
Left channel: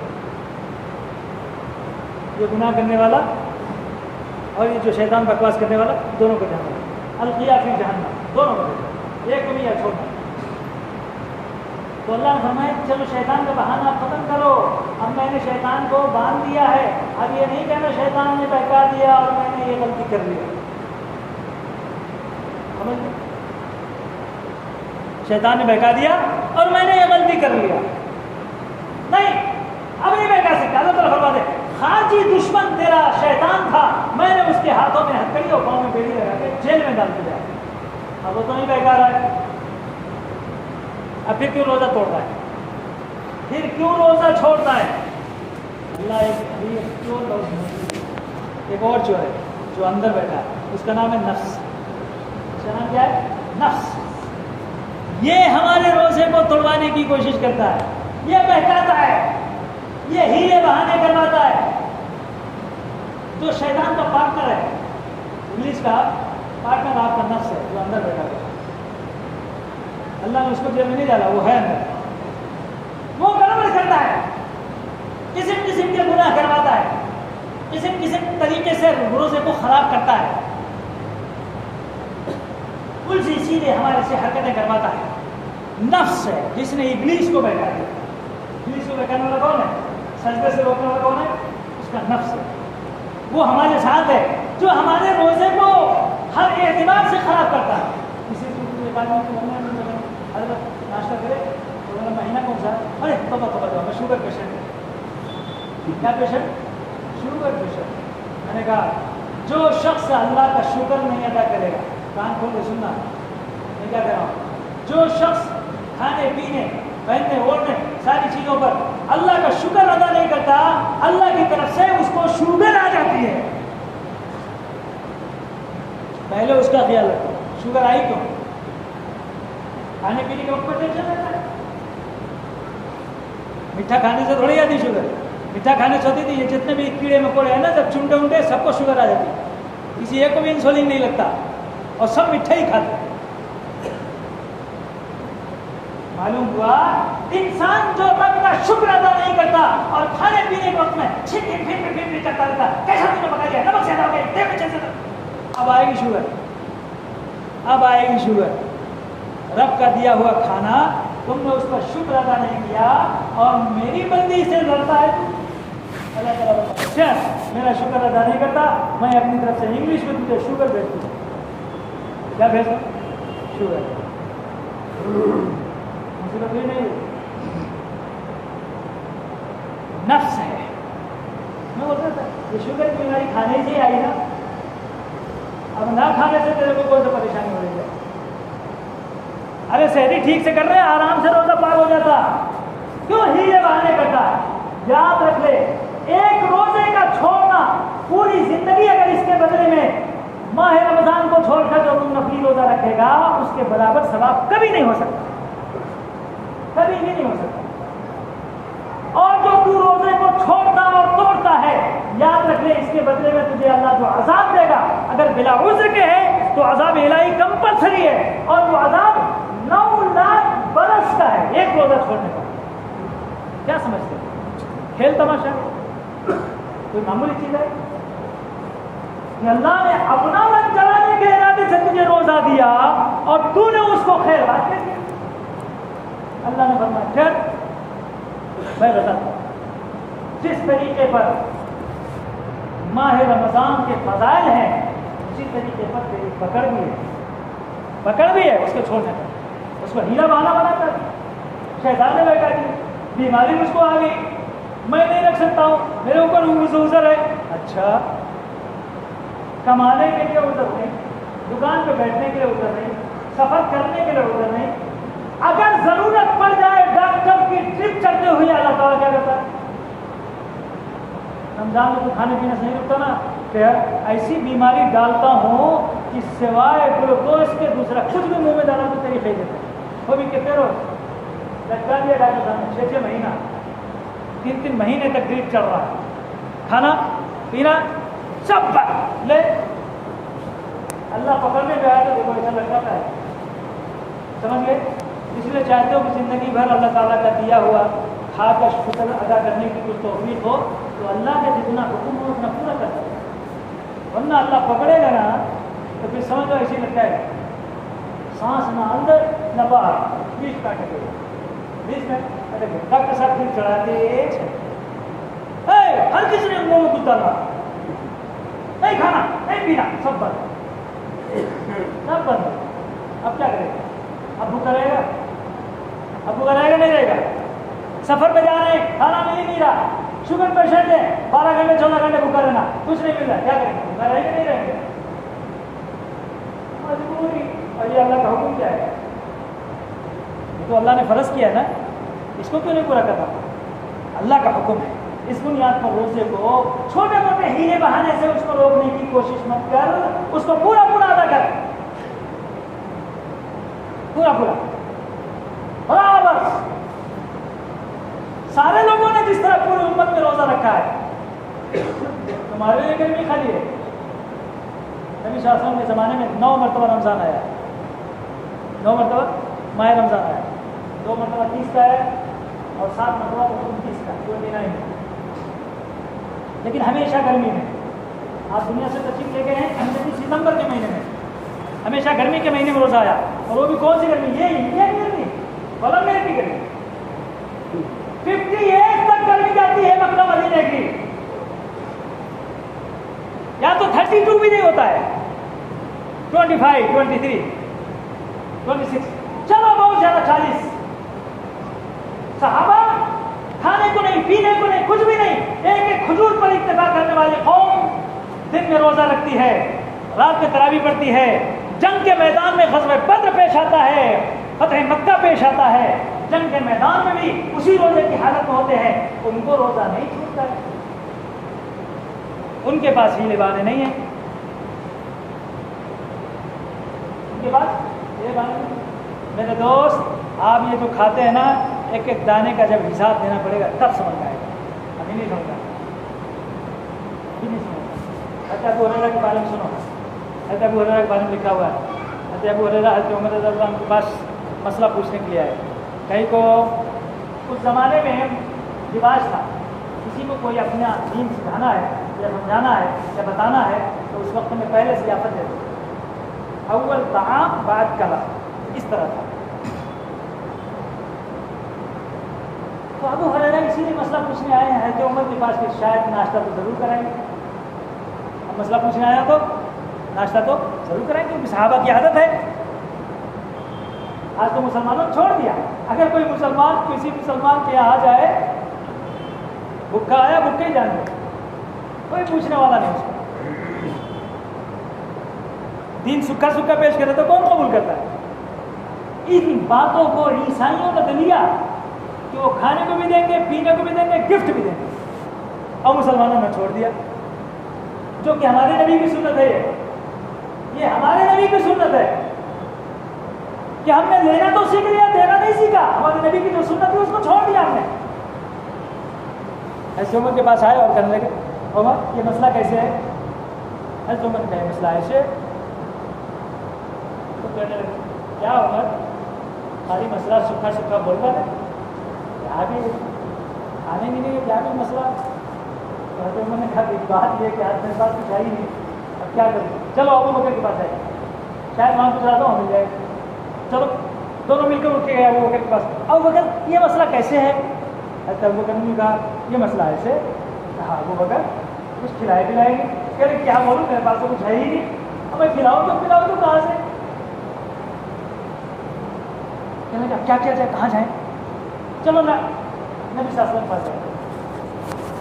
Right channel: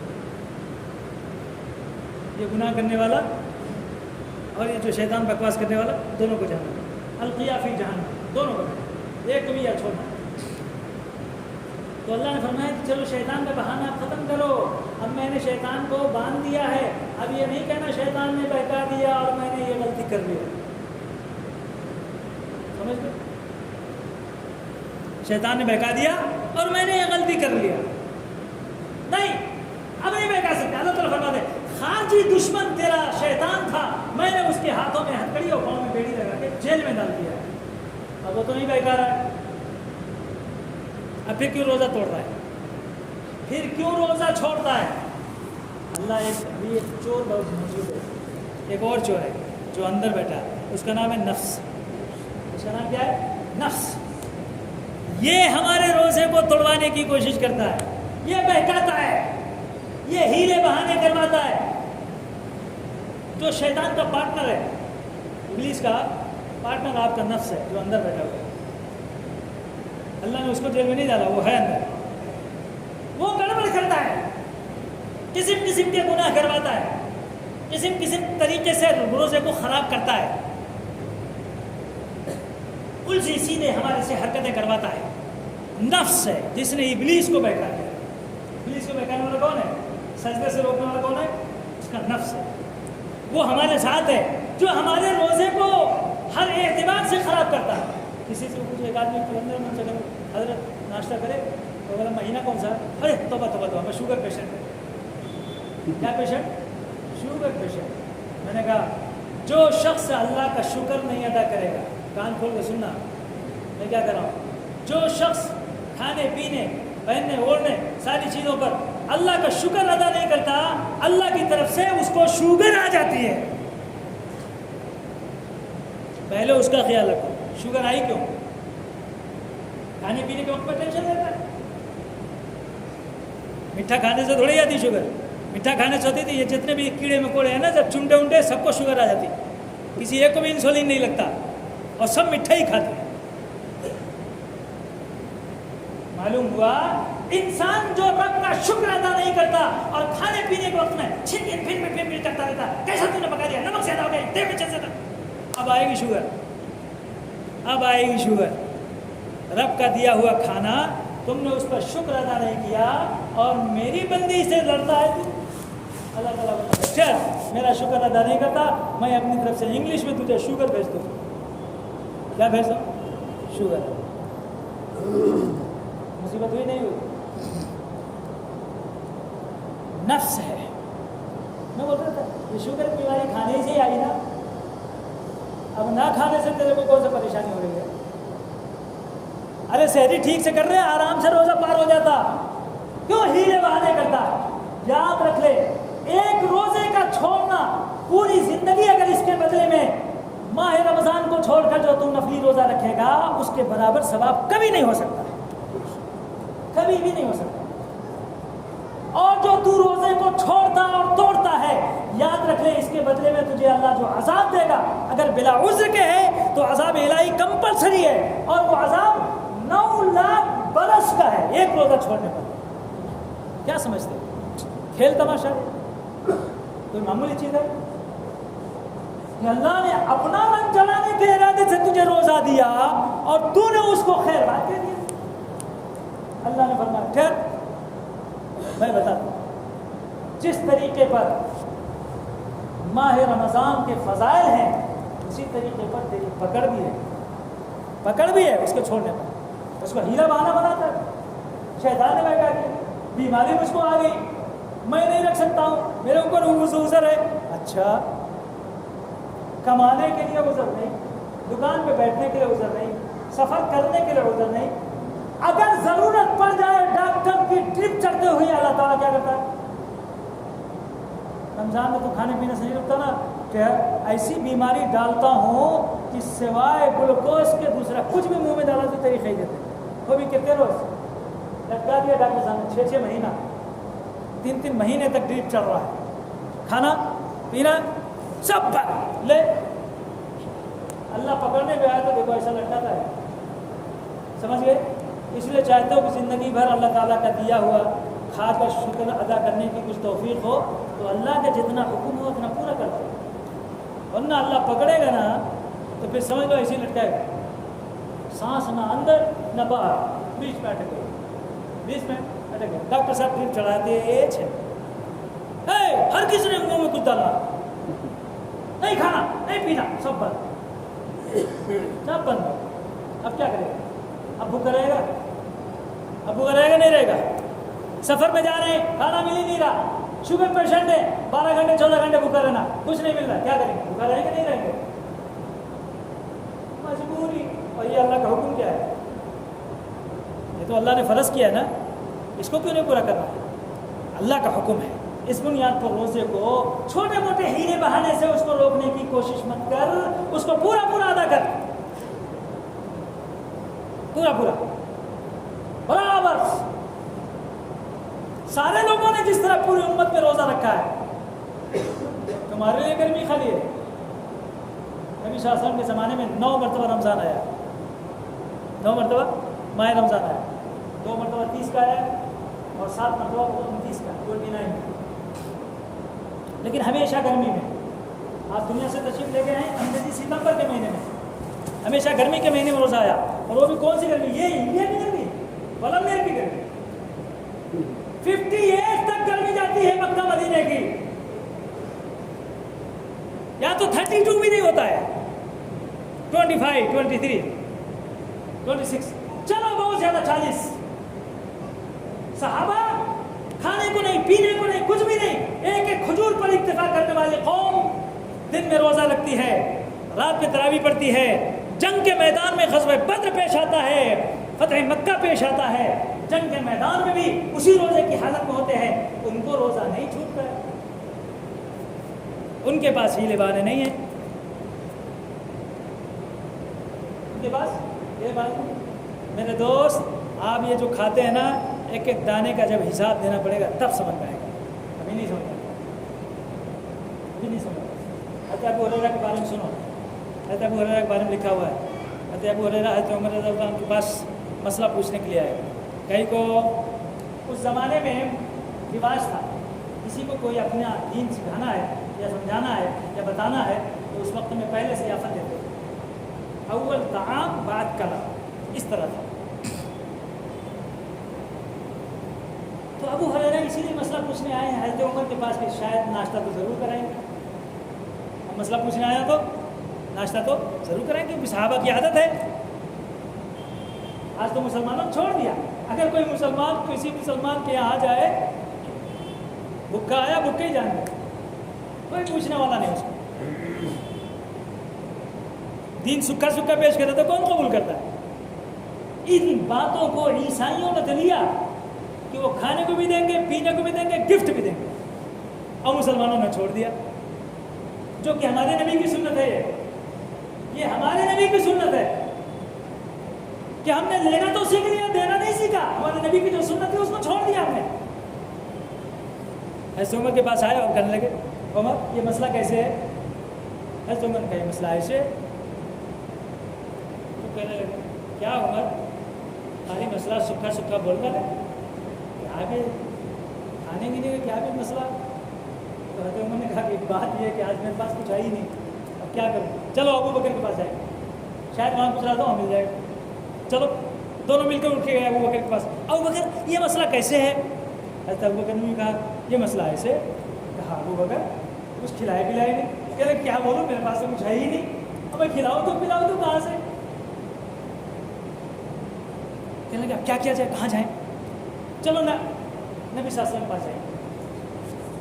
یہ گناہ کرنے والا اور یہ جو شیطان بکواس کرنے والا، دونوں کو جانا ہے۔ القیہ فی جہنم، دونوں کو ایک کو بھی یا چھوڑنا۔ تو اللہ نے فرمایا کہ چلو شیطان کا بہانہ ختم کرو، اب میں نے شیطان کو باندھ دیا ہے، اب یہ نہیں کہنا شیطان نے بہکا دیا اور میں نے یہ غلطی کر لیا۔ سمجھ لیں؟ شیطان نے بہکا دیا اور میں نے یہ غلطی کر لیا، نہیں اب نہیں بہکا سکتا۔ اللہ تعالیٰ فرماتے خارجی دشمن تیرا شیطان تھا، میں نے اس کے ہاتھوں میں ہتھکڑی اور پاؤں میں بیڑی لگا کے جیل میں ڈال دیا، اب وہ تو نہیں بہکا رہا ہے۔ اب پھر کیوں روزہ توڑتا ہے؟ پھر کیوں روزہ چھوڑتا ہے؟ اللہ ایک چور موجود ہے، ایک اور چور ہے جو اندر بیٹھا ہے، اس کا نام ہے نفس۔ اس کا نام کیا ہے؟ نفس۔ یہ ہمارے روزے کو توڑوانے کی کوشش کرتا ہے، یہ بہکاتا ہے، یہ ہیلے بہانے کرواتا ہے۔ تو شیطان کا پارٹنر ہے، ابلیس کا پارٹنر آپ کا نفس ہے جو اندر بیٹھا ہوا ہے۔ اللہ نے اس کو جیل میں نہیں ڈالا، وہ ہے اندر، وہ گڑبڑ کرتا ہے، قسم قسم کے گناہ کرواتا ہے، قسم قسم طریقے سے روزے کو خراب کرتا ہے، الٹی سیدھے ہمارے سے حرکتیں کرواتا ہے۔ نفس ہے جس نے ابلیس کو بیٹھا دیا۔ ابلیس کو بیٹھانے والا کون ہے؟ سجدے سے روکنے والا کون ہے؟ اس کا نفس ہے، وہ ہمارے ساتھ ہے جو ہمارے روزے کو ہر اعتبار سے خراب کرتا ہے۔ اسی سے ایک آدمی کو حضرت ناشتہ کرے تو بولا مہینہ کون سا؟ ارے توبہ توبہ توبہ میں شوگر پیشنٹ ہوں۔ کیا پیشنٹ؟ Sugar patient. میں نے کہا جو شخص اللہ کا شکر نہیں ادا کرے گا، کان کھول کے سننا میں کیا کر رہا ہوں، جو شخص کھانے پینے پہننے اوڑھنے ساری چیزوں پر اللہ کا شکر ادا نہیں کرتا، اللہ کی طرف سے اس کو شوگر آ جاتی ہے۔ پہلے اس کا خیال رکھو، شوگر آئی کیوں؟ کھانے پینے کے وقت پر ٹینشن رہتا ہے۔ میٹھا کھانے سے تھوڑی آتی شوگر، میٹھا کھانے سے ہوتی تھی یہ جتنے بھی کیڑے مکوڑے ہیں نا، سب چنڈے انڈے سب کو شوگر آ جاتی، کسی ایک کو بھی انسولین نہیں لگتا اور سب میٹھا ہی کھاتے ہیں۔ معلوم ہوا انسان جو رب کا شکر ادا نہیں کرتا اور کھانے پینے کے وقت میں پھر کرتا رہتا، کیسا تم نے پکا دیا، نمک زیادہ ہو گیا، تیل میں زیادہ، اب آئے گی شوگر، اب آئے گی شوگر۔ رب کا دیا ہوا کھانا تم نے اس پر شکر ادا نہیں کیا اور میری بندی سے لڑتا ہے تو اللہ تعالیٰ چل میرا شکر ادا نہیں کرتا، میں اپنی طرف سے انگلش میں تجھے شوگر بھیج دوں۔ کیا بھیج دوں؟ شوگر۔ مصیبت ہوئی نہیں؟ نفس ہے۔ میں بولتا تھا کہ شوگر کی بیماری کھانے سے ہی آئی نا، اب نہ کھانے سے تیرے کو کون سا پریشانی ہو رہی ہے؟ ارے سحری ٹھیک سے کر رہے آرام سے روزہ پار ہو جاتا، کیوں ہیلے بہانے کرتا؟ یاد رکھ لے ایک روزے کا چھوڑنا پوری زندگی اگر اس کے بدلے میں ماہ رمضان کو چھوڑ کر جو تو نفلی روزہ رکھے گا اس کے برابر ثواب کبھی نہیں ہو سکتا، کبھی بھی نہیں ہو سکتا۔ اور جو تو روزے کو چھوڑتا اور توڑتا ہے یاد رکھ لے اس کے بدلے میں تجھے اللہ جو عذاب دے گا اگر بلا عذر کے ہے تو عذاب الہی کمپلسری ہے، اور وہ عذاب 9 لاکھ برس کا ہے ایک روزہ چھوڑنے پر۔ کیا سمجھتے ہو؟ کھیل تماشا کوئی معمولی چیز ہے کہ اللہ نے اپنا من چلانے کے ارادے سے تجھے روزہ دیا اور تو نے اس کو خیر بات کر دیا۔ اللہ نے فرمایا چل میں بتاتا ہوں جس طریقے پر ماہ رمضان کے فضائل ہیں اسی طریقے پر تیری پکڑ بھی ہے اس کو چھوڑنے کا، اس کو ہیلا بہانا بنا کر شیطان نے بیٹھا دی، بیماری مجھ کو آ گئی، میں نہیں رکھ سکتا ہوں، میرے اوپر عذر ہے۔ اچھا کمانے کے لیے عذر نہیں، دکان پہ بیٹھنے کے لیے عذر نہیں، سفر کرنے کے لیے عذر نہیں، اگر ضرورت پڑ جائے ڈاکٹر کی ٹرپ چڑھتے ہوئے اللہ تعالیٰ کیا کرتا ہے؟ رمضان میں تو کھانے پینے سے نہیں رکتا نا کہ ایسی بیماری ڈالتا ہوں کہ سوائے گلوکوز کے دوسرا کچھ بھی منہ میں ڈالوں تو تیری فیل دیتا ہے۔ وہ بھی کتنے روز لٹکا دیا ڈاکٹر صاحب نے 6 مہینہ 3 مہینے تک ڈریپ چل رہا ہے، کھانا پینا سب پر لے اللہ پکڑنے پہ آیا تو دیکھو ایسا لٹکاتا ہے، سمجھ گئے؟ اس لیے چاہتے ہو کہ زندگی بھر اللہ تعالیٰ کا دیا ہوا کھا کر شکر ادا کرنے کی کچھ توفیق ہو تو اللہ کا جتنا حکم ہو اتنا پورا کر دو، ورنہ اللہ پکڑے گا نا تو پھر سمجھ لو ایسے ہی لٹکائے گا، سانس نہ اندر نہ باہر، بیچ میں اٹک گئے، بیچ میں اٹک گئے۔ ڈاکٹر صاحب پھر چڑھاتے ہر کسی نے منہ میں کچھ ڈالنا، نہیں کھانا نہیں پینا سب بند سب بند۔ اب کیا کرے گا؟ اب بھوکا رہے گا؟ اب بھوکا رہے گا نہیں رہے گا؟ سفر پہ جا رہے ہیں کھانا مل ہی نہیں رہا، شوگر پیشنٹ ہے 12 گھنٹے 14 گھنٹے بھوکا رہنا کچھ نہیں مل رہا، کیا کریں گے؟ بھوکا رہیں گے نہیں رہیں گے؟ مجبوری۔ اور یہ اللہ کا حکم کیا ہے؟ یہ تو اللہ نے فرض کیا ہے نا، اس کو کیوں نہیں پورا کرنا؟ اللہ کا حکم ہے، اس بنیاد پر روزے کو چھوٹے موٹے ہیلے بہانے سے اس کو روکنے کی کوشش مت کر، اس کو پورا ادا کر، پورا برابر۔ سارے لوگوں نے جس طرح پوری امت میں روزہ رکھا ہے، تمہارے لیے گرمی خالی ہے؟ نبی صلی اللہ علیہ وسلم کے زمانے میں 9 مرتبہ رمضان آیا، 9 مرتبہ ماہ رمضان آیا، 2 مرتبہ 30 کا ہے اور 7 مرتبہ 29 کا 29 میں، لیکن ہمیشہ گرمی میں۔ آپ دنیا سے تشریف لے کے ہیں ہمیں ستمبر کے مہینے میں، ہمیشہ گرمی کے مہینے میں روزہ آیا، اور وہ بھی کون سی گرمی؟ یہ انڈیا کی گرمی، بلکہ کی گرمی 58 تک گرمی جاتی ہے مکہ مدینے کی، یا تو 32 بھی نہیں ہوتا ہے، 25 23 26 چلو بہت زیادہ 40۔ صحابہ کھانے کو نہیں پینے کو نہیں کچھ بھی نہیں، ایک کھجور پر اکتفا کرنے والی قوم دن میں روزہ رکھتی ہے، رات میں تراویح پڑھتی ہے، جنگ کے میدان میں غزوہ بدر پیش آتا ہے، فتح مکہ پیش آتا ہے، جنگ کے میدان میں بھی اسی روزے کی حالت میں ہوتے ہیں، ان کو روزہ نہیں چھوٹتا ہے، ان کے پاس ہیلے بہانے نہیں ہیں، ان کے پاس ہیلے بہانے نہیں۔ میرے دوست آپ یہ جو کھاتے ہیں نا ایک ایک دانے کا جب حساب دینا پڑے گا تب سمجھ آئے گا، ابھی نہیں سمجھتا، ابھی نہیں سمجھتا۔ حضرت ابو ہریرہ کے بارے میں سنو، حضرت ابو ہریرہ کے بارے میں لکھا ہوا ہے، حضرت ابو ہریرہ حضرت عمر رضی اللہ عنہ کے پاس مسئلہ پوچھنے کے لیے آئے، کہیں کو اس زمانے میں رواج تھا، کسی کو کوئی اپنا دین سکھانا ہے یا سمجھانا ہے یا بتانا ہے تو اس وقت میں پہلے ضیافت دیتے تھے، اول طعام بعد کلام، اس طرح تھا۔ تو ابو ہریرہ اسی لیے مسئلہ پوچھنے آئے ہیں حضرت عمر کے پاس کہ شاید ناشتہ تو ضرور کرائیں گے۔ اب مسئلہ پوچھنے آیا تو ناشتہ تو ضرور کرائیں گے، کیونکہ صحابہ کی عادت ہے۔ آج تو مسلمانوں نے چھوڑ دیا، اگر کوئی مسلمان کسی مسلمان کے یہاں آ جائے، بھوکا آیا بھوکا ہی جان دے، کوئی پوچھنے والا نہیں اس کو۔ دین سکھا سکھا پیش کرے تو کون قبول کرتا ہے؟ ان باتوں کو عیسائیوں نے دیا کہ وہ کھانے کو بھی دیں گے، پینے کو بھی دیں گے، گفٹ بھی دیں گے، اور مسلمانوں نے چھوڑ دیا، جو کہ ہمارے نبی کی سنت ہے۔ یہ ہمارے نبی کی سنت ہے کہ ہم نے لینا تو سیکھ لیا، دینا نہیں سیکھا۔ ہمارے نبی کی جو سنت تھی اس کو چھوڑ دیا ہم نے۔ حضرت عمر کے پاس آئے اور کہنے لگے عمر یہ مسئلہ کیسے ہے؟ حضرت عمر نے کہا یہ مسئلہ ایسے، تو کہنے لگے کیا عمر خالی مسئلہ سکھا سکھا بولتا ہے، کیا بھی کھانے کے لیے کیا بھی مسئلہ؟ تو حضرت عمر نے کہا کہ بات یہ کہ آج میرے پاس کچھ ہے ہی نہیں، اب کیا کروں؟ چلو ابو بکر کے پاس آئے، شاید وہاں کچھ رہا تو ہمیں جائے، چلو دونوں مل کر اٹھ کے گئے ابو بکر کے پاس۔ ابو بکر یہ مسئلہ کیسے ہے؟ حضرت ابو بکر نے کہا یہ مسئلہ ایسے۔ کہا ابو بکر کچھ کھلائے پلائے گی؟ کہہ رہے کیا بولوں میرے پاس تو کچھ ہے ہی نہیں، اب میں کھلاؤں تو پلاؤں تو کہاں سے؟ کہنے لگے اب کیا کیا جائے، کہاں جائیں؟ چلو نا نبی صلی اللہ علیہ وسلم کے پاس جائیں،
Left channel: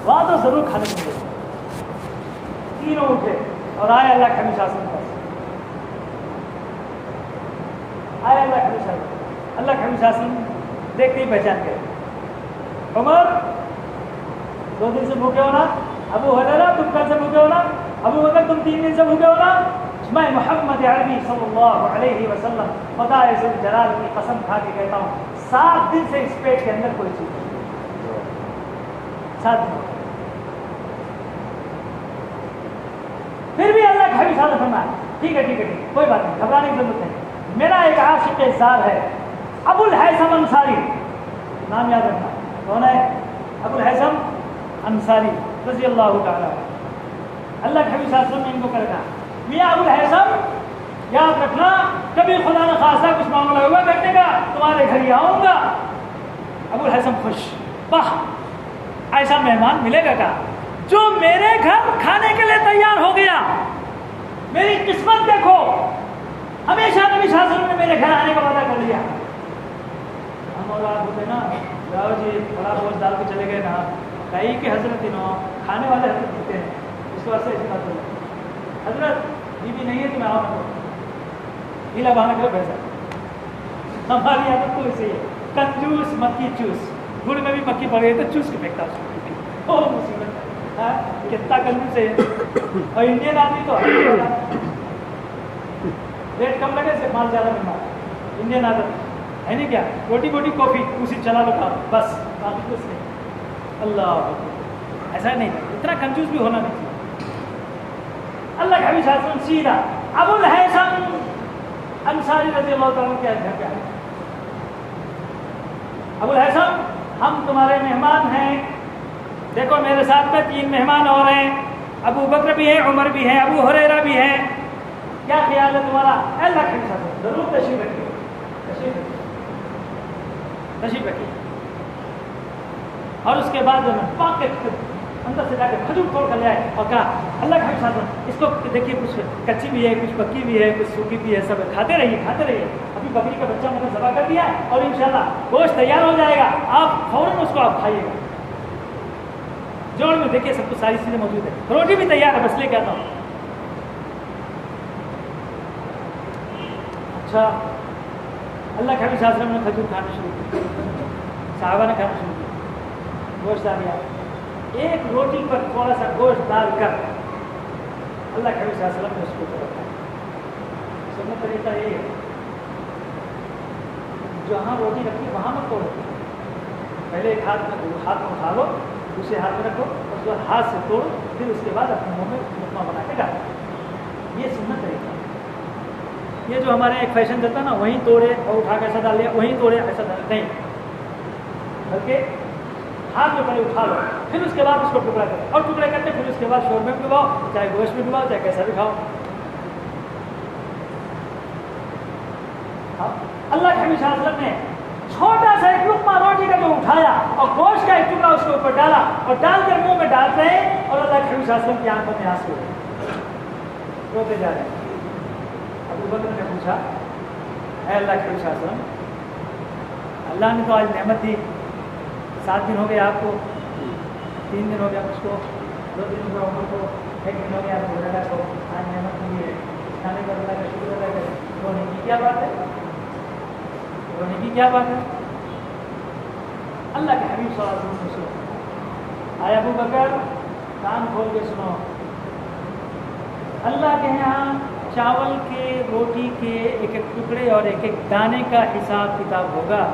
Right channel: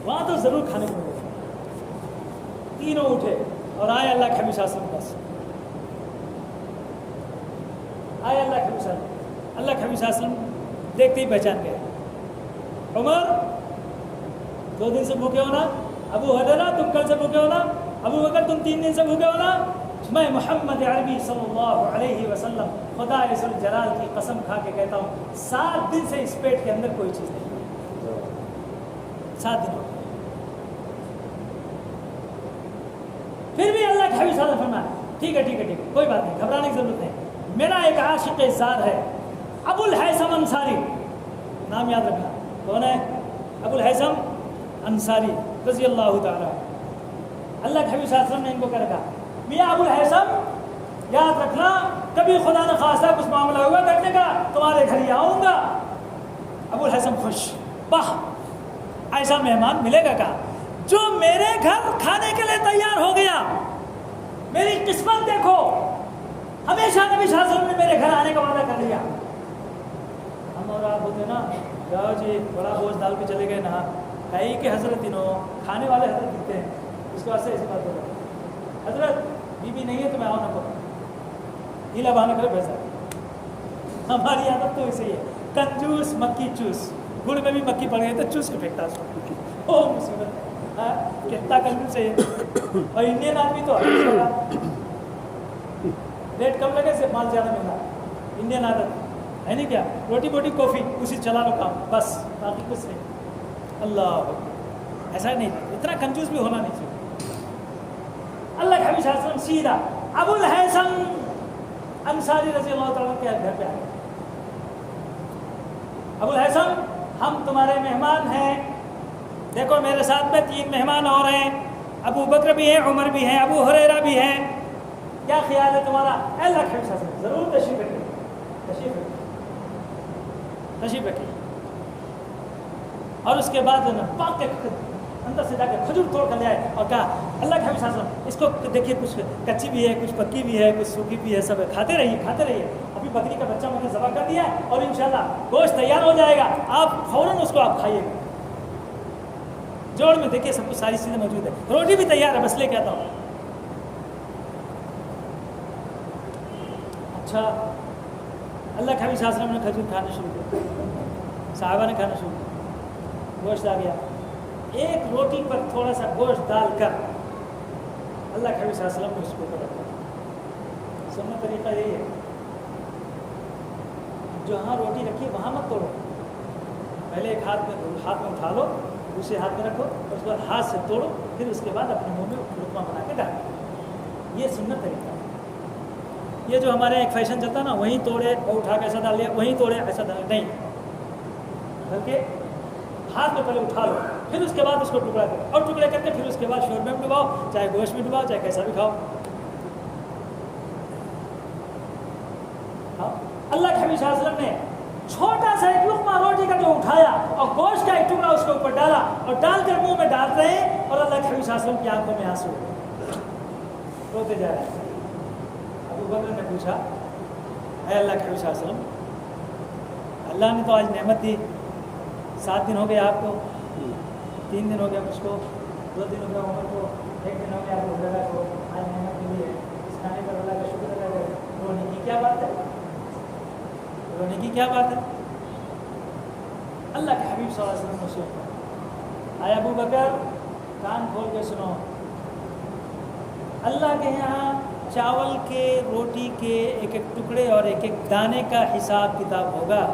وہاں تو ضرور کھانے کو ملے۔ تینوں اٹھے اور آئے اللہ کے حبیب صلی اللہ علیہ وسلم کے پاس، آئے اللہ کے حبیب صلی اللہ علیہ وسلم۔ اللہ کے حبیب صلی اللہ علیہ وسلم دیکھتے ہی پہچان گئے، عمر 2 دن سے بھوکے ہو نا، ابو ہریرہ تم کل سے بھوکے ہو نا، ابو بکر تم 3 دن سے بھوکے ہو نا، میں محمد عربی صلی اللہ علیہ وسلم خدا ذوالجلال کی قسم کھا کے کہتا ہوں 7 دن سے اس پیٹ کے اندر کوئی چیز نہیں، 7 دن۔ پھر بھی اللہ کے حبیب صلی اللہ علیہ وسلم نے فرمایا ٹھیک ہے ٹھیک ہے ٹھیک ہے، کوئی بات نہیں، گھبرانے کی ضرورت نہیں، میرا ایک عاشق زار ہے ابو الہیثم انصاری، نام یاد رکھنا کون ہے؟ ابو الہیثم انصاری رضی اللہ تعالیٰ۔ اللہ کے حبیب صلی اللہ علیہ وسلم نے ان کو کہا میاں ابو الہیثم یاد رکھنا کبھی خدا نہ خواستہ کچھ معاملہ ہوا کرنے کا تمہارے گھر ہی آؤں گا۔ ابو الہیثم خوش، واہ ایسا مہمان ملے گا کیا جو میرے گھر کھانے کے لیے تیار ہو گیا، میری قسمت دیکھو، ہمیشہ نبی صلی اللہ علیہ وسلم نے میرے گھر آنے کا وعدہ کر لیا۔ ہم اور آپ بولتے نا جاؤ جی بڑا گوشت ڈال کے چلے گئے نا، کئی کہ حضرت انہوں کھانے والے حضرت دیتے ہیں، اس کو ایسے ایسی بات کرو حضرت بیوی نہیں ہے تو میں آؤں نہ کروں، ہیلا بہانا کرو بھیجا۔ ہماری عادت تو ایسے ہی ہے، کنجوس مکی چوس، گڑ میں بھی مکی پڑ گئی تو چوس کے پھینکتا اس کو، او مصیبت ہے کتنا کنجوس ہے یہ۔ اور انڈین آدمی تو ریٹ کم لگے سے مال زیادہ ملنا، انڈین عادت ہے نہیں کیا، روٹی بوٹی کافی اسی چلا لو کھا بس، باقی کچھ نہیں۔ اللہ ایسا نہیں، اتنا کنجوس بھی ہونا نہیں چاہیے۔ اللہ کے حبیب صلی اللہ علیہ وسلم سیدھا ابو الہیثم انصاری رضی اللہ تعالیٰ کے گھر پہ آئے، ابو الہیثم ہم تمہارے مہمان ہیں، دیکھو میرے ساتھ میں 3 مہمان اور ہیں، ابو بکر بھی ہیں، عمر بھی ہیں، ابو ہریرہ بھی ہیں، کیا خیال ہے تمہارا؟ اللہ کے حبیب صلی اللہ علیہ وسلم ضرور تشریف رکھیے، تشریف رکھیے۔ اور اس کے بعد پاک کے اندر سے جا کے کھجور توڑ کر لے آئے اور کہا اللہ کے حبیب صلی اللہ علیہ وسلم اس کو دیکھیے کچھ کچی بھی ہے، کچھ پکی بھی ہے، کچھ سوکھی بھی ہے، سب ہے، کھاتے رہیے کھاتے رہیے، ابھی بکری کا بچہ میں نے ذبح کر دیا اور انشاءاللہ گوشت تیار ہو جائے گا، آپ فوراً اس کو آپ کھائیے گا۔ جوڑ میں دیکھیے سب کچھ ساری چیزیں موجود ہیں، روٹی بھی تیار ہے، بس لے کے آتا ہوں۔ اچھا اللہ کے حبیب صلی اللہ علیہ وسلم نے کھجور کھانا شروع کیا، صحابہ نے کھانا شروع کیا، گوشت آ گیا، ایک روٹی پر تھوڑا سا گوشت ڈال کر اللہ کے حبیب صلی اللہ علیہ وسلم نے اس کو رکھا۔ سنت طریقہ یہ ہے جہاں روٹی رکھی وہاں مت توڑو، پہلے ایک ہاتھ میں اٹھا لو، دوسرے ہاتھ میں رکھو، اس کے بعد ہاتھ سے توڑو، پھر اس کے بعد اپنے منہ میں لقمہ بنا کے ڈالو، یہ سنت طریقہ ہے۔ یہ جو ہمارے ایک فیشن چلتا ہے نا وہیں توڑے اور اٹھا کے ایسا ڈال لیا، وہیں توڑے ایسا ڈال نہیں، بلکہ ہاتھ میں پہلے اٹھا لو، پھر اس کے بعد اس کو ٹکڑا کرو اور ٹکڑے کر کے پھر اس کے بعد شوربے میں ڈباؤ، چاہے گوشت میں ڈباؤ، چاہے کیسا بھی کھاؤ۔ اللہ کے حبیب صلی اللہ علیہ وسلم نے چھوٹا سا ایک لقمہ روٹی کا جو اٹھایا اور گوشت کا ایک ٹکڑا اس کے اوپر ڈالا اور ڈال کر منہ میں ڈال رہے ہیں، اور اللہ کے حبیب صلی اللہ علیہ وسلم کی آنکھوں میں آنسو روتے جا رہے ہیں۔ ابو بکر نے پوچھا، اے اللہ کے حبیب صلی اللہ علیہ وسلم، اللہ نے تو آج نعمت دی، 7 دن ہو گئے آپ کو، 3 دن ہو گیا مجھ کو، 2 دن ہو گیا عمر کو، 1 دن ہو گیا آپ کو روزہ کو، آج نعمت ملی ہے، اس کھانے پر اللہ کا شکر ادا کریں، رونے کی کیا بات ہے؟ رونے کی کیا بات ہے؟ اللہ کے حبیب صلی اللہ علیہ وسلم کو سنو، آئے ابو بکر کان کھول کے سنو، اللہ کے یہاں چاول کے روٹی کے ایک ایک ٹکڑے اور ایک ایک دانے کا حساب کتاب ہوگا۔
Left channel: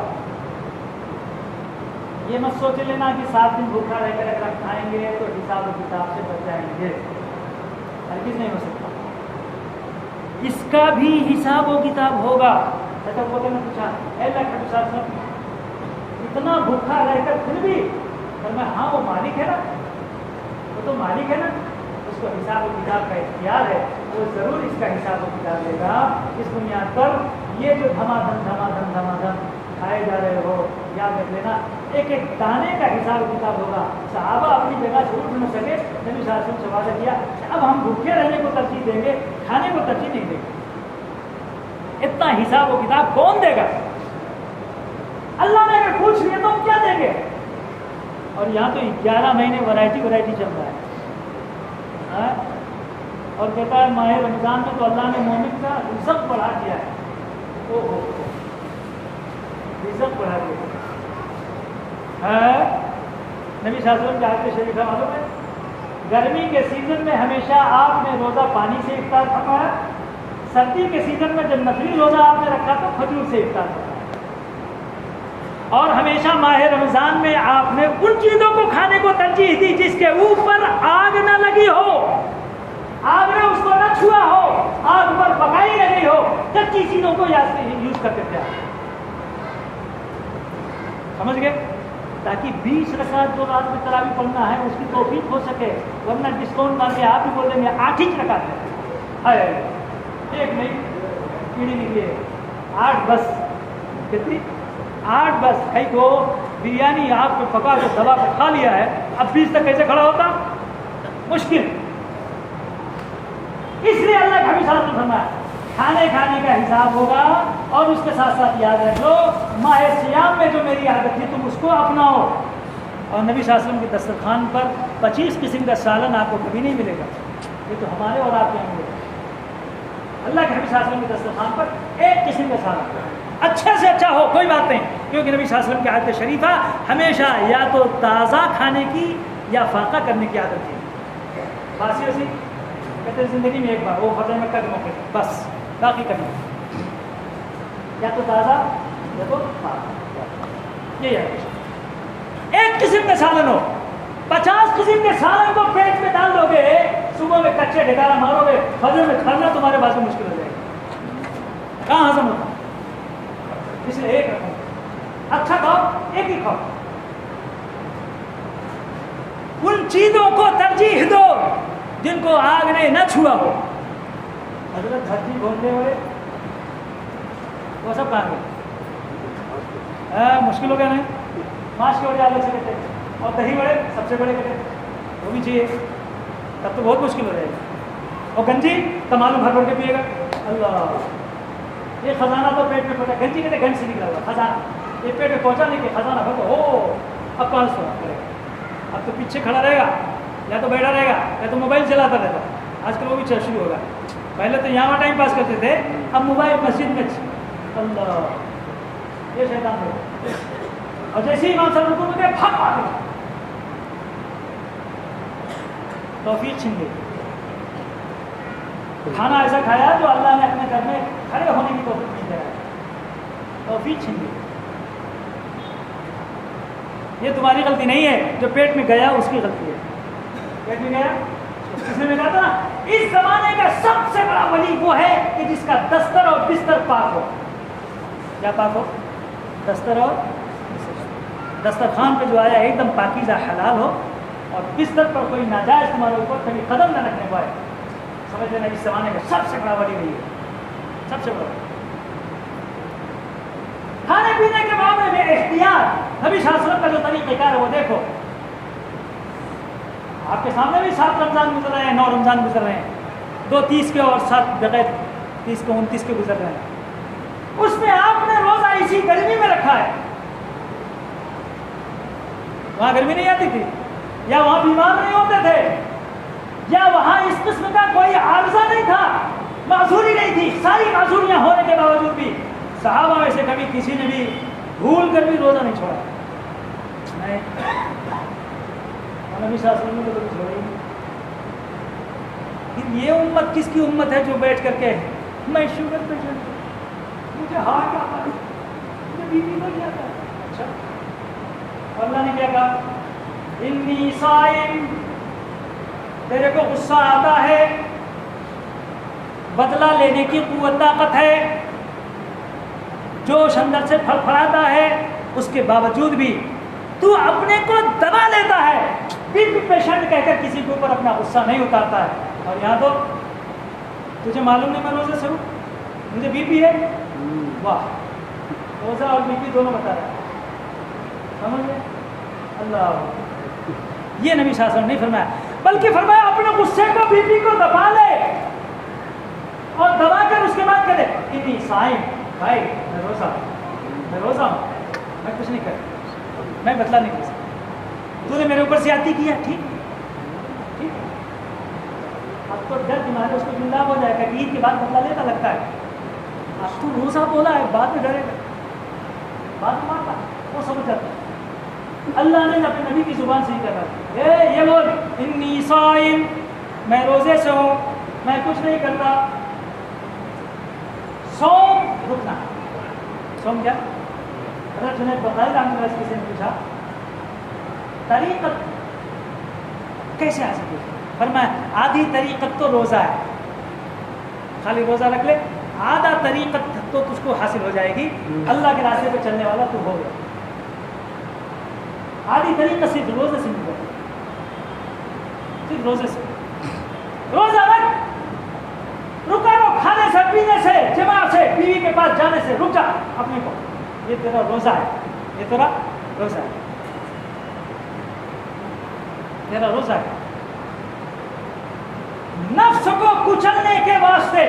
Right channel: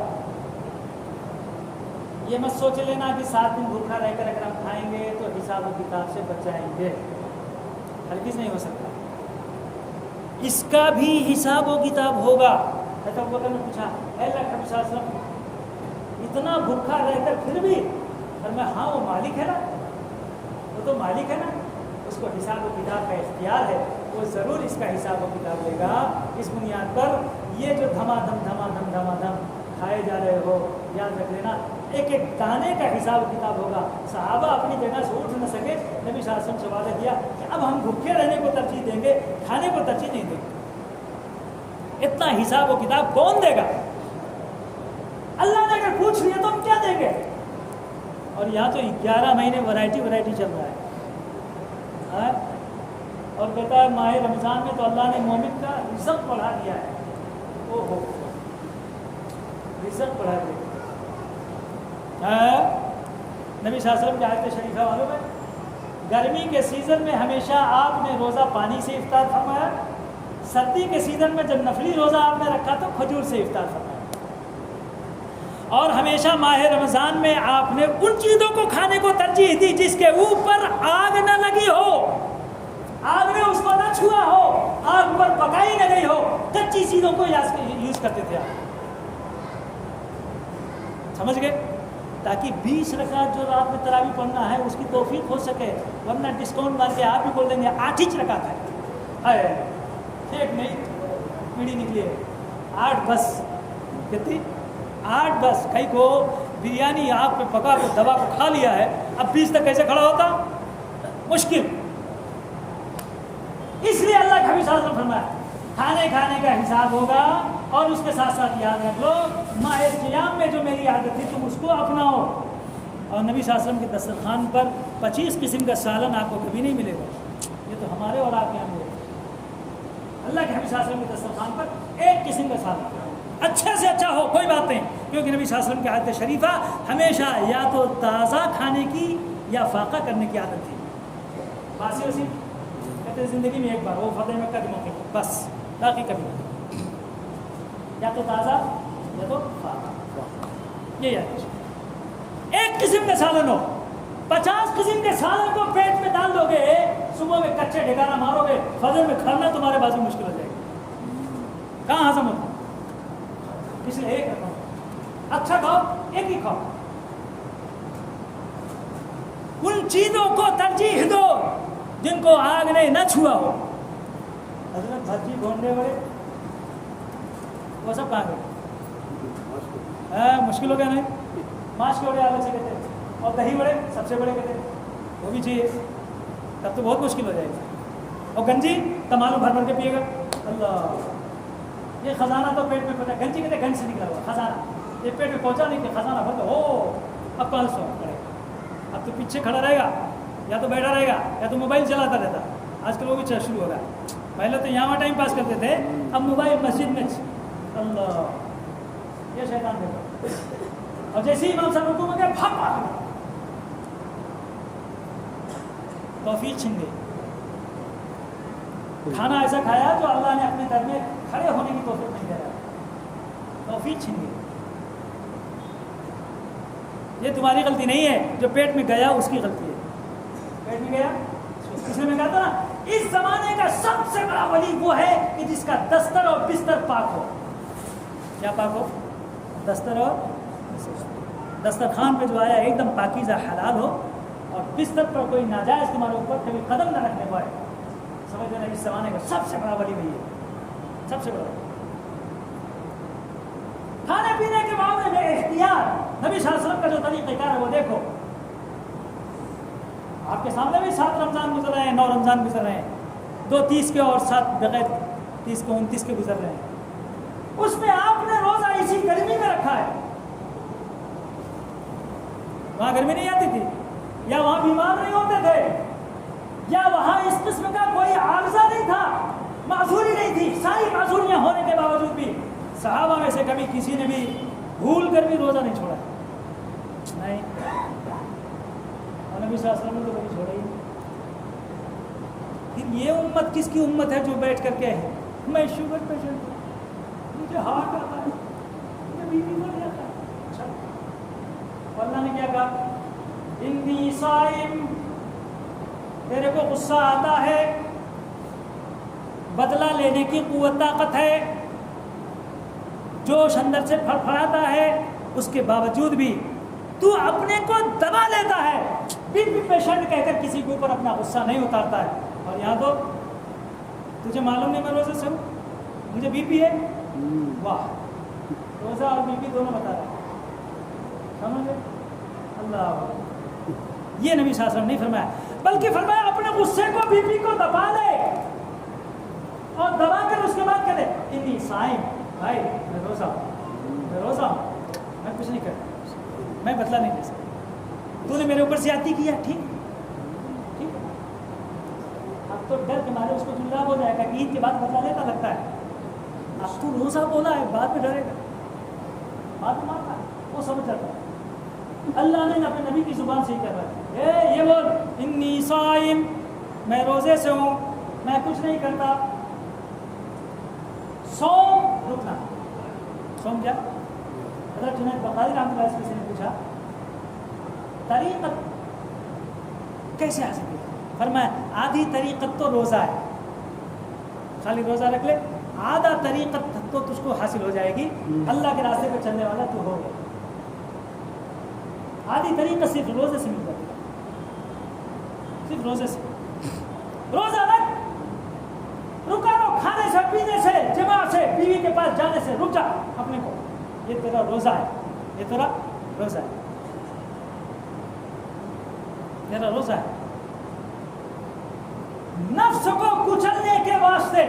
یہ مت سوچ لینا کہ 7 دن بھوکا رہ کر اگر ہم کھائیں گے تو حساب و کتاب سے بچ جائیں گے، ہرگز نہیں ہو سکتا، اس کا بھی حساب و کتاب ہوگا۔ حضرت ابو بکر نے پوچھا، اے اللہ کے رسول صلی اللہ علیہ وسلم، اتنا بھوکا رہ کر پھر بھی؟ فرمایا ہاں وہ مالک ہے نا، وہ تو مالک ہے نا، اس کو حساب و کتاب کا اختیار ہے، وہ ضرور اس کا حساب و کتاب لے گا۔ اس بنیاد پر یہ جو دھما دھم کھائے جا رہے ہو، یاد رکھ لینا ایک ایک دانے کا حساب و کتاب ہوگا۔ صحابہ اپنی جگہ سے اٹھ نہ سکے، نبی صلی اللہ علیہ وسلم سے وعدہ کیا اب ہم بھوکے رہنے کو ترجیح دیں گے، کھانے کو ترجیح نہیں دیں گے۔ اتنا حساب و کتاب کون دے گا؟ اللہ نے اگر پوچھ لیا تو ہم کیا دیں گے؟ اور یہاں تو 11 مہینے ورائٹی چل رہا ہے، اور کہتا ہے ماہ رمضان میں تو اللہ نے مومن کا رزق بڑھا دیا ہے، رزق بڑھا دیا ہے۔ نبی صلی اللہ علیہ وسلم کی حدیث شریفہ معلوم ہے، گرمی کے سیزن میں ہمیشہ آپ نے روزہ پانی سے افطار فرمایا، سردی کے سیزن میں جب نفلی روزہ آپ نے رکھا تو کھجور سے افطار فرمایا، اور ہمیشہ ماہ رمضان میں آپ نے ان چیزوں کو کھانے کو ترجیح دی جس کے اوپر آگ نہ لگی ہو، آگ نے اس کو نہ چھوا ہو، آگ پر پکائی نہ گئی ہو، کچی چیزوں کو یوز کرتے تھے آپ، سمجھ گئے؟ تاکہ 20 رکعت جو رات میں تراویح پڑھنا ہے اس کی توفیق ہو سکے، ورنہ ڈسکاؤنٹ مار کے آپ بھی بول دیں گے 8 ہی رکعت ہے، ایک نہیں کیڑی نکلی ہے، 8 بس، کتنی 8 بس، کئی کو بریانی آپ پہ پکا کے دبا کو کھا لیا ہے، اب 20 تک کیسے کھڑا ہوتا؟ مشکل۔ اس لیے اللہ کا حبیب صلی اللہ علیہ وسلم فرمایا کھانے کا حساب ہوگا، اور اس کے ساتھ ساتھ یاد رکھ لو ماہ سیام میں جو میری عادت ہے تم اس کو اپناؤ، اور نبی صلی اللہ علیہ وسلم کے دسترخوان پر 25 قسم کا سالن آپ کو کبھی نہیں ملے گا، یہ تو ہمارے اور آپ کے یہاں ملے گا۔ اللہ کے حبیب صلی اللہ علیہ وسلم کے دسترخوان پر ایک قسم کا سالن اچھے سے اچھا ہو، کوئی بات نہیں، کیونکہ نبی صلی اللہ علیہ وسلم کی عادت شریفہ ہمیشہ یا تو تازہ کھانے کی یا فاقہ کرنے کی عادت تھی۔ باسی وسی کہتے ہیں زندگی میں ایک بار، وہ فتح مکہ کے موقع پر بس، باقی کبھی یا تو تازہ یا تو فاقہ، یہ ہے ایک قسم کا سالن ہو۔ 50 قسم کے سالن کو پیٹ میں ڈال دو گے، صبح میں کچے ڈھکارا مارو گے، فجر میں کھانا تمہارے پاس میں مشکل ہو جائے گا، کہاں ہضم ہوگا؟ اس لیے ایک رکھو، اچھا کھاؤ، ایک ہی کھاؤ، ان چیزوں کو ترجیح دو جن کو آگ نے نہ چھوا ہو۔ حضرت دھرتی بولتے ہوئے وہ سب کہاں گئے؟ مشکل ہو گیا نہیں؟ ماش کے بڑے الگ سے کہتے ہیں، اور دہی بڑے سب سے بڑے کہتے ہیں، وہ بھی چاہیے، تب تو بہت مشکل ہو جائے گا۔ اور گنجی تمام بھر بھر کے پیے گا، اللہ، یہ خزانہ تو پیٹ میں پڑا، گنجی کہتے ہیں گنج سے نکلا ہوا خزانہ، یہ پیٹ میں پہنچا نہیں کہ خزانہ بھر دو، اب کہاں سے سونا پڑے گا، اب تو پیچھے کھڑا رہے گا، یا تو بیٹھا رہے گا، یا تو موبائل چلاتا رہتا۔ آج کل وہ بھی شروع ہوگا، پہلے تو یہاں ٹائم پاس کرتے تھے، اب موبائل مسجد میں، اللہ، یہ شیطان ہے۔ اور جیسے ہی امام صاحب رکوع میں گئے، پھٹ پاٹ توفیق چھن گئی، کھانا ایسا کھایا جو اللہ نے اپنے گھر میں کھڑے ہونے کی توفیق نہیں دے رہا ہے، توفیق چھن گئی۔ یہ تمہاری غلطی نہیں ہے، جو پیٹ میں گیا اس کی غلطی ہے، پیٹ میں گیا، اس نے کہا تھا نا اس زمانے کا سب سے بڑا ولی وہ ہے کہ جس کا دستر اور بستر پاک ہو۔ کیا پاک ہو؟ دستر اور بستر۔ دسترخوان پہ جو آیا ایک دم پاکیزہ حلال ہو اور بستر پر کوئی ناجائز تمہارے اوپر کبھی قدم نہ رکھنے پائے. سمجھ لینا اس زمانے کا سب سے بڑا ولی وہی ہے, سب سے بڑا. کھانے پینے کے معاملے میں احتیاط نبی صلی اللہ علیہ وسلم کا جو طریقہ کار ہے وہ دیکھو. آپ کے سامنے بھی 7 رمضان گزر رہے ہیں, 9 رمضان گزر رہے ہیں, 2 30 کے اور 7 بغیر 30 کے 29 کے گزر رہے ہیں. اس میں آپ نے روزہ اسی گرمی میں رکھا ہے. وہاں گرمی نہیں آتی تھی, یا وہاں بیمار نہیں ہوتے تھے, یا وہاں اس قسم کا کوئی عارضہ نہیں تھا, معذوری نہیں تھی. ساری معذوریاں ہونے کے باوجود بھی صحابہ میں سے کبھی کسی نے بھی بھول کر بھی روزہ نہیں چھوڑا. نہیں, نبی صلی اللہ علیہ وسلم نے روزہ چھوڑا ہی. یہ امت کس کی امت ہے جو بیٹھ کر کے میں شوگر پیشنٹ ہوں, مجھے ہارٹ آتا ہے, مجھے بی پی بڑھ جاتا ہے. اچھا, اللہ نے کیا کہا؟ انی صائم, تیرے کو غصہ آتا ہے, بدلہ لینے کی قوت طاقت ہے, جوش اندر سے پھڑ پھڑاتا ہے, اس کے باوجود بھی تو اپنے کو دبا لیتا ہے. بی پی پیشنٹ کہہ کر کسی کے اوپر اپنا غصہ نہیں اتارتا ہے. اور یہاں تو تجھے معلوم نہیں میں روزے سے ہوں, مجھے بی پی ہے. واہ, روزہ اور بی پی دونوں بتا رہا ہے. سمجھ اللہ, یہ نبی صلی اللہ علیہ وسلم نہیں فرمایا, بلکہ فرمایا اپنے غصے کو, بی پی کو دبا لے, اور دبا کر اس کے بعد کہے انی صائم, بھائی میں روزہ ہوں, میں کچھ نہیں کرتا, میں بدلا نہیں لے سکتا, تو نے میرے اوپر زیادتی کیا, ٹھیک ہے. اب تو ڈر تمہارے اس کی گناہ ہو جائے گا کہ عید کے بعد بدلا لیتا لگتا ہے. اب تو روزہ بولا ہے, بعد میں ڈرے گا, بات تمہارا وہ سمجھ جاتا ہے. اللہ نے اپنے نبی کی زبان سے ہی کہا ہے, یہ بول انی صائم, میں روزے سے ہوں, میں کچھ نہیں کرتا. سوم رکنا, سوم کیا؟ حضرت جنید بغدادی رحمۃ اللہ علیہ کسی نے پوچھا طریقت کیسے حاصل کی؟ فرمایا آدھی طریقت تو روزہ ہے, خالی روزہ رکھ لے, آدھا طریقت تو تجھ کو حاصل ہو جائے گی, اللہ کے راستے پہ چلنے والا تو ہو گیا. آدھی طریقت صرف روزے سے مل جائے, صرف روزے سے. روزہ رکھ, رکا رو کھانے سے, پینے سے, جماع سے, بیوی کے پاس جانے سے رک جا اپنے کو, یہ تیرا روزہ ہے, یہ تیرا روزہ ہے, تیرا روزہ ہے. نفس کو کچلنے کے واسطے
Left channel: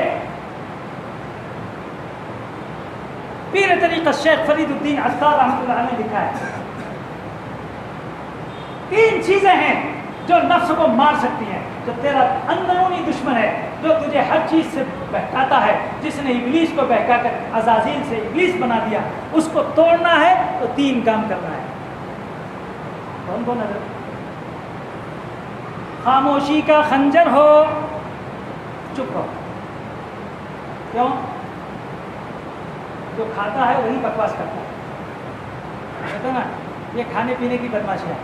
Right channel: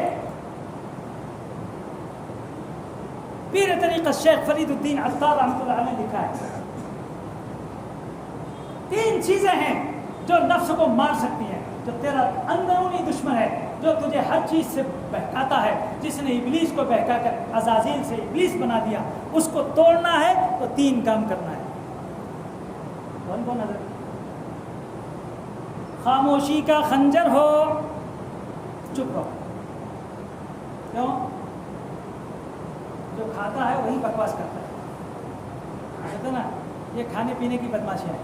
پیر طریقت شیخ فرید الدین عطار رحمۃ اللہ علیہ نے لکھا ہے, 3 چیزیں ہیں جو نفس کو مار سکتی ہیں, جو تیرا اندرونی دشمن ہے, جو تجھے ہر چیز سے بہکاتا ہے, جس نے ابلیس کو بہکا کر عزازیل سے ابلیس بنا دیا, اس کو توڑنا ہے تو 3 کام کرنا ہے. کون کون نظر؟ خاموشی کا خنجر ہو, چپ ہو. کیوں؟ جو کھاتا ہے وہی بکواس کرتا ہے, کہتا نا یہ کھانے پینے کی بدماشی ہے,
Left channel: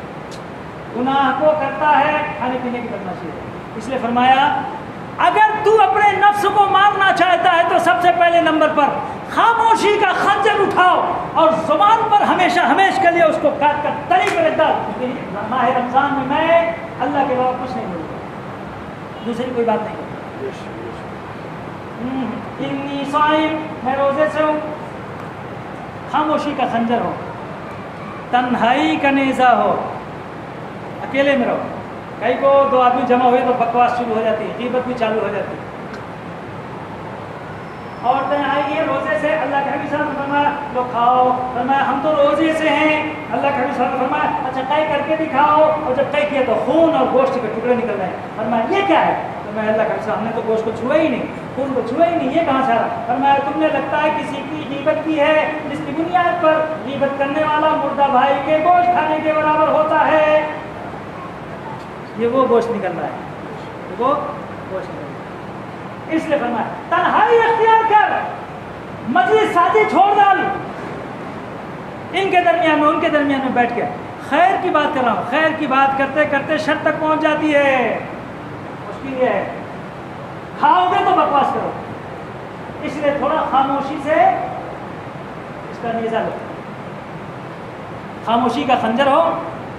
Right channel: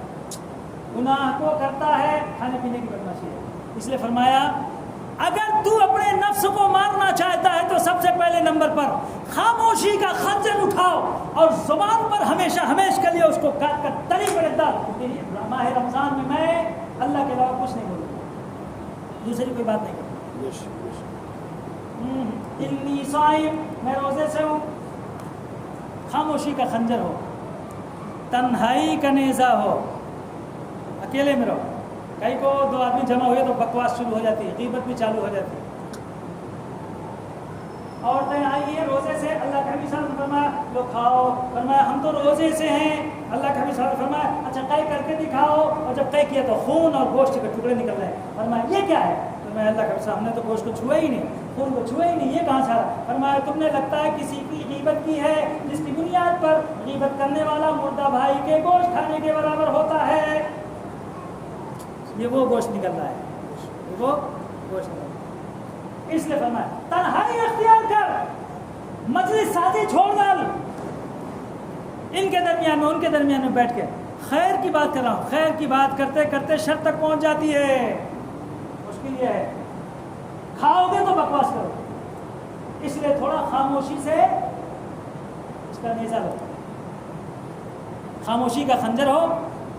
گناہ کو کرتا ہے, کھانے پینے کی بدماشی ہے. اس لیے فرمایا اگر تو اپنے نفس کو مارنا چاہتا ہے تو سب سے پہلے نمبر پر خاموشی کا خنجر اٹھاؤ اور زبان پر ہمیشہ کے لیے اس کو کاٹ کر تری پہ رکھ ڈال. ماہ رمضان میں اللہ کے علاوہ کچھ نہیں بولوں, دوسری کوئی بات نہیں کروں. انی صائم, میں روزے سے ہوں. خاموشی کا خنجر ہو, تنہائی کا نیزہ ہو, اکیلے میں رہو. کئی کو 2 آدمی جمع ہوئے تو بکواس شروع ہو جاتی ہے, غیبت بھی چالو ہو جاتی ہے. عورتیں آئیے روزے سے, اللہ کے نبی صلی اللہ علیہ وسلم فرمایا لو کھاؤ, فرمایا ہم تو روزے سے ہیں. اللہ کے نبی صلی اللہ علیہ وسلم فرمایا اچھا قے کر کے دکھاؤ, اور جب قے کیا تو خون اور گوشت کے ٹکڑے نکل رہے ہیں. فرمایا یہ کیا ہے؟ فرمایا اللہ کے نبی صلی اللہ علیہ وسلم ہم نے تو گوشت کو چھوا ہی نہیں, خون کو چھوا ہی نہیں, یہ کہاں سے آ رہا؟ فرمایا تم نے لگتا ہے کسی کی غیبت کی ہے, جس کی بنیاد پر غیبت کرنے والا مردہ بھائی کے گوشت کھانے کے برابر ہوتا ہے. یہ وہ گوشت نکل رہا ہے, وہ گوشت نکل رہا ہے. اس لیے فرمایا تنہائی اختیار کر, مجلس سازی چھوڑ ڈال, ان کے درمیان میں ان کے درمیان میں بیٹھ کے خیر کی بات کر رہا ہوں. خیر کی بات کرتے کرتے شر تک پہنچ جاتی ہے, مشکل یہ ہے. کھاؤ گے تو بکواس کرو, اس لیے تھوڑا خاموشی سے اس کا نیزہ لو. خاموشی کا خنجر ہو،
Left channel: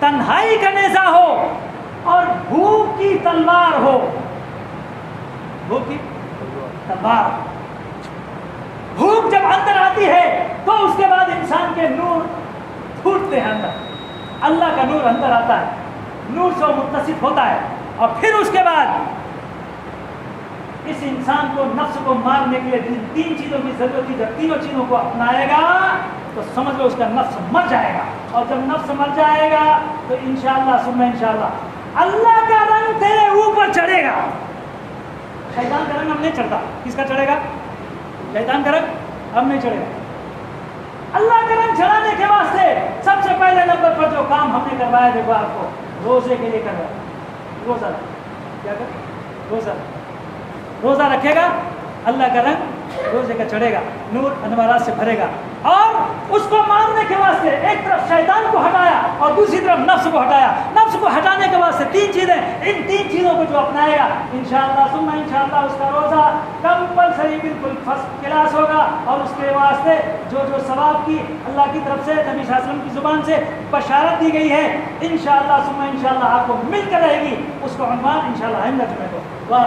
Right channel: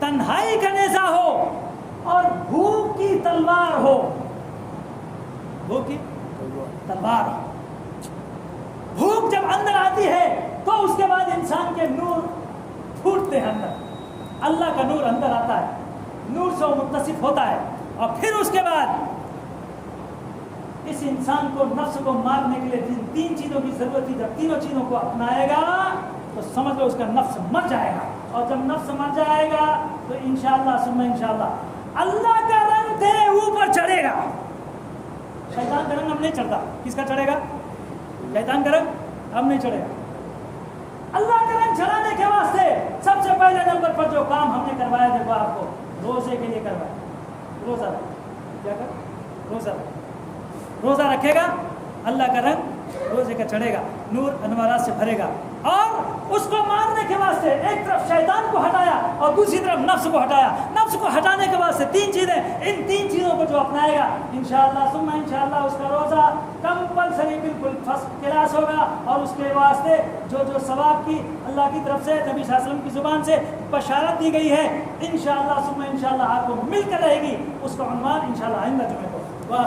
تنہائی کا نیزہ ہو، اور بھوک کی تلوار ہو. بھوک کی تلوار. بھوک جب اندر آتی ہے تو اس کے بعد انسان کے نور پھوٹتے ہیں اندر. اللہ کا نور اندر آتا ہے، نور سے وہ متصف ہوتا ہے، اور پھر اس کے بعد اس انسان کو نفس کو مارنے کے لیے جن 3 چیزوں کی ضرورت تھی، جب تینوں چیزوں کو اپنائے گا تو سمجھ لو اس کا نفس مر جائے گا. اور جب نفس مر جائے گا تو انشاءاللہ ثم انشاءاللہ اللہ کا رنگ تیرے اوپر چڑھے گا. شیطان کا رنگ ہم نہیں چڑھتا. کس کا چڑھے گا؟ شیطان کا رنگ ہم نہیں چڑھے گا. اللہ کا رنگ چڑھانے کے واسطے سب سے پہلے نمبر پر جو کام ہم نے کروایا، دیکھو آپ کو روزے کے لیے کروایا. روزہ کیا کر؟ روزہ رکھے گا، اللہ کا رنگ روزے کا چڑھے گا، نور انوارات سے بھرے گا. اور اس کو مارنے کے واسطے ایک طرف شیطان کو ہٹایا اور دوسری طرف نفس کو ہٹایا. نفس کو ہٹانے کے واسطے 3 چیزیں، ان 3 چیزوں کو جو اپنائے گا انشاءاللہ ثم انشاءاللہ اس کا روزہ کمپلسری بالکل فرسٹ کلاس ہوگا. اور اس کے واسطے جو ثواب کی اللہ کی طرف سے نبی صلی اللہ علیہ وسلم کی زبان سے بشارت دی گئی ہے انشاءاللہ ثم انشاءاللہ آپ کو مل کر رہے گی. اس کا عنوان انشاءاللہ آئندہ جمعے کو. واہ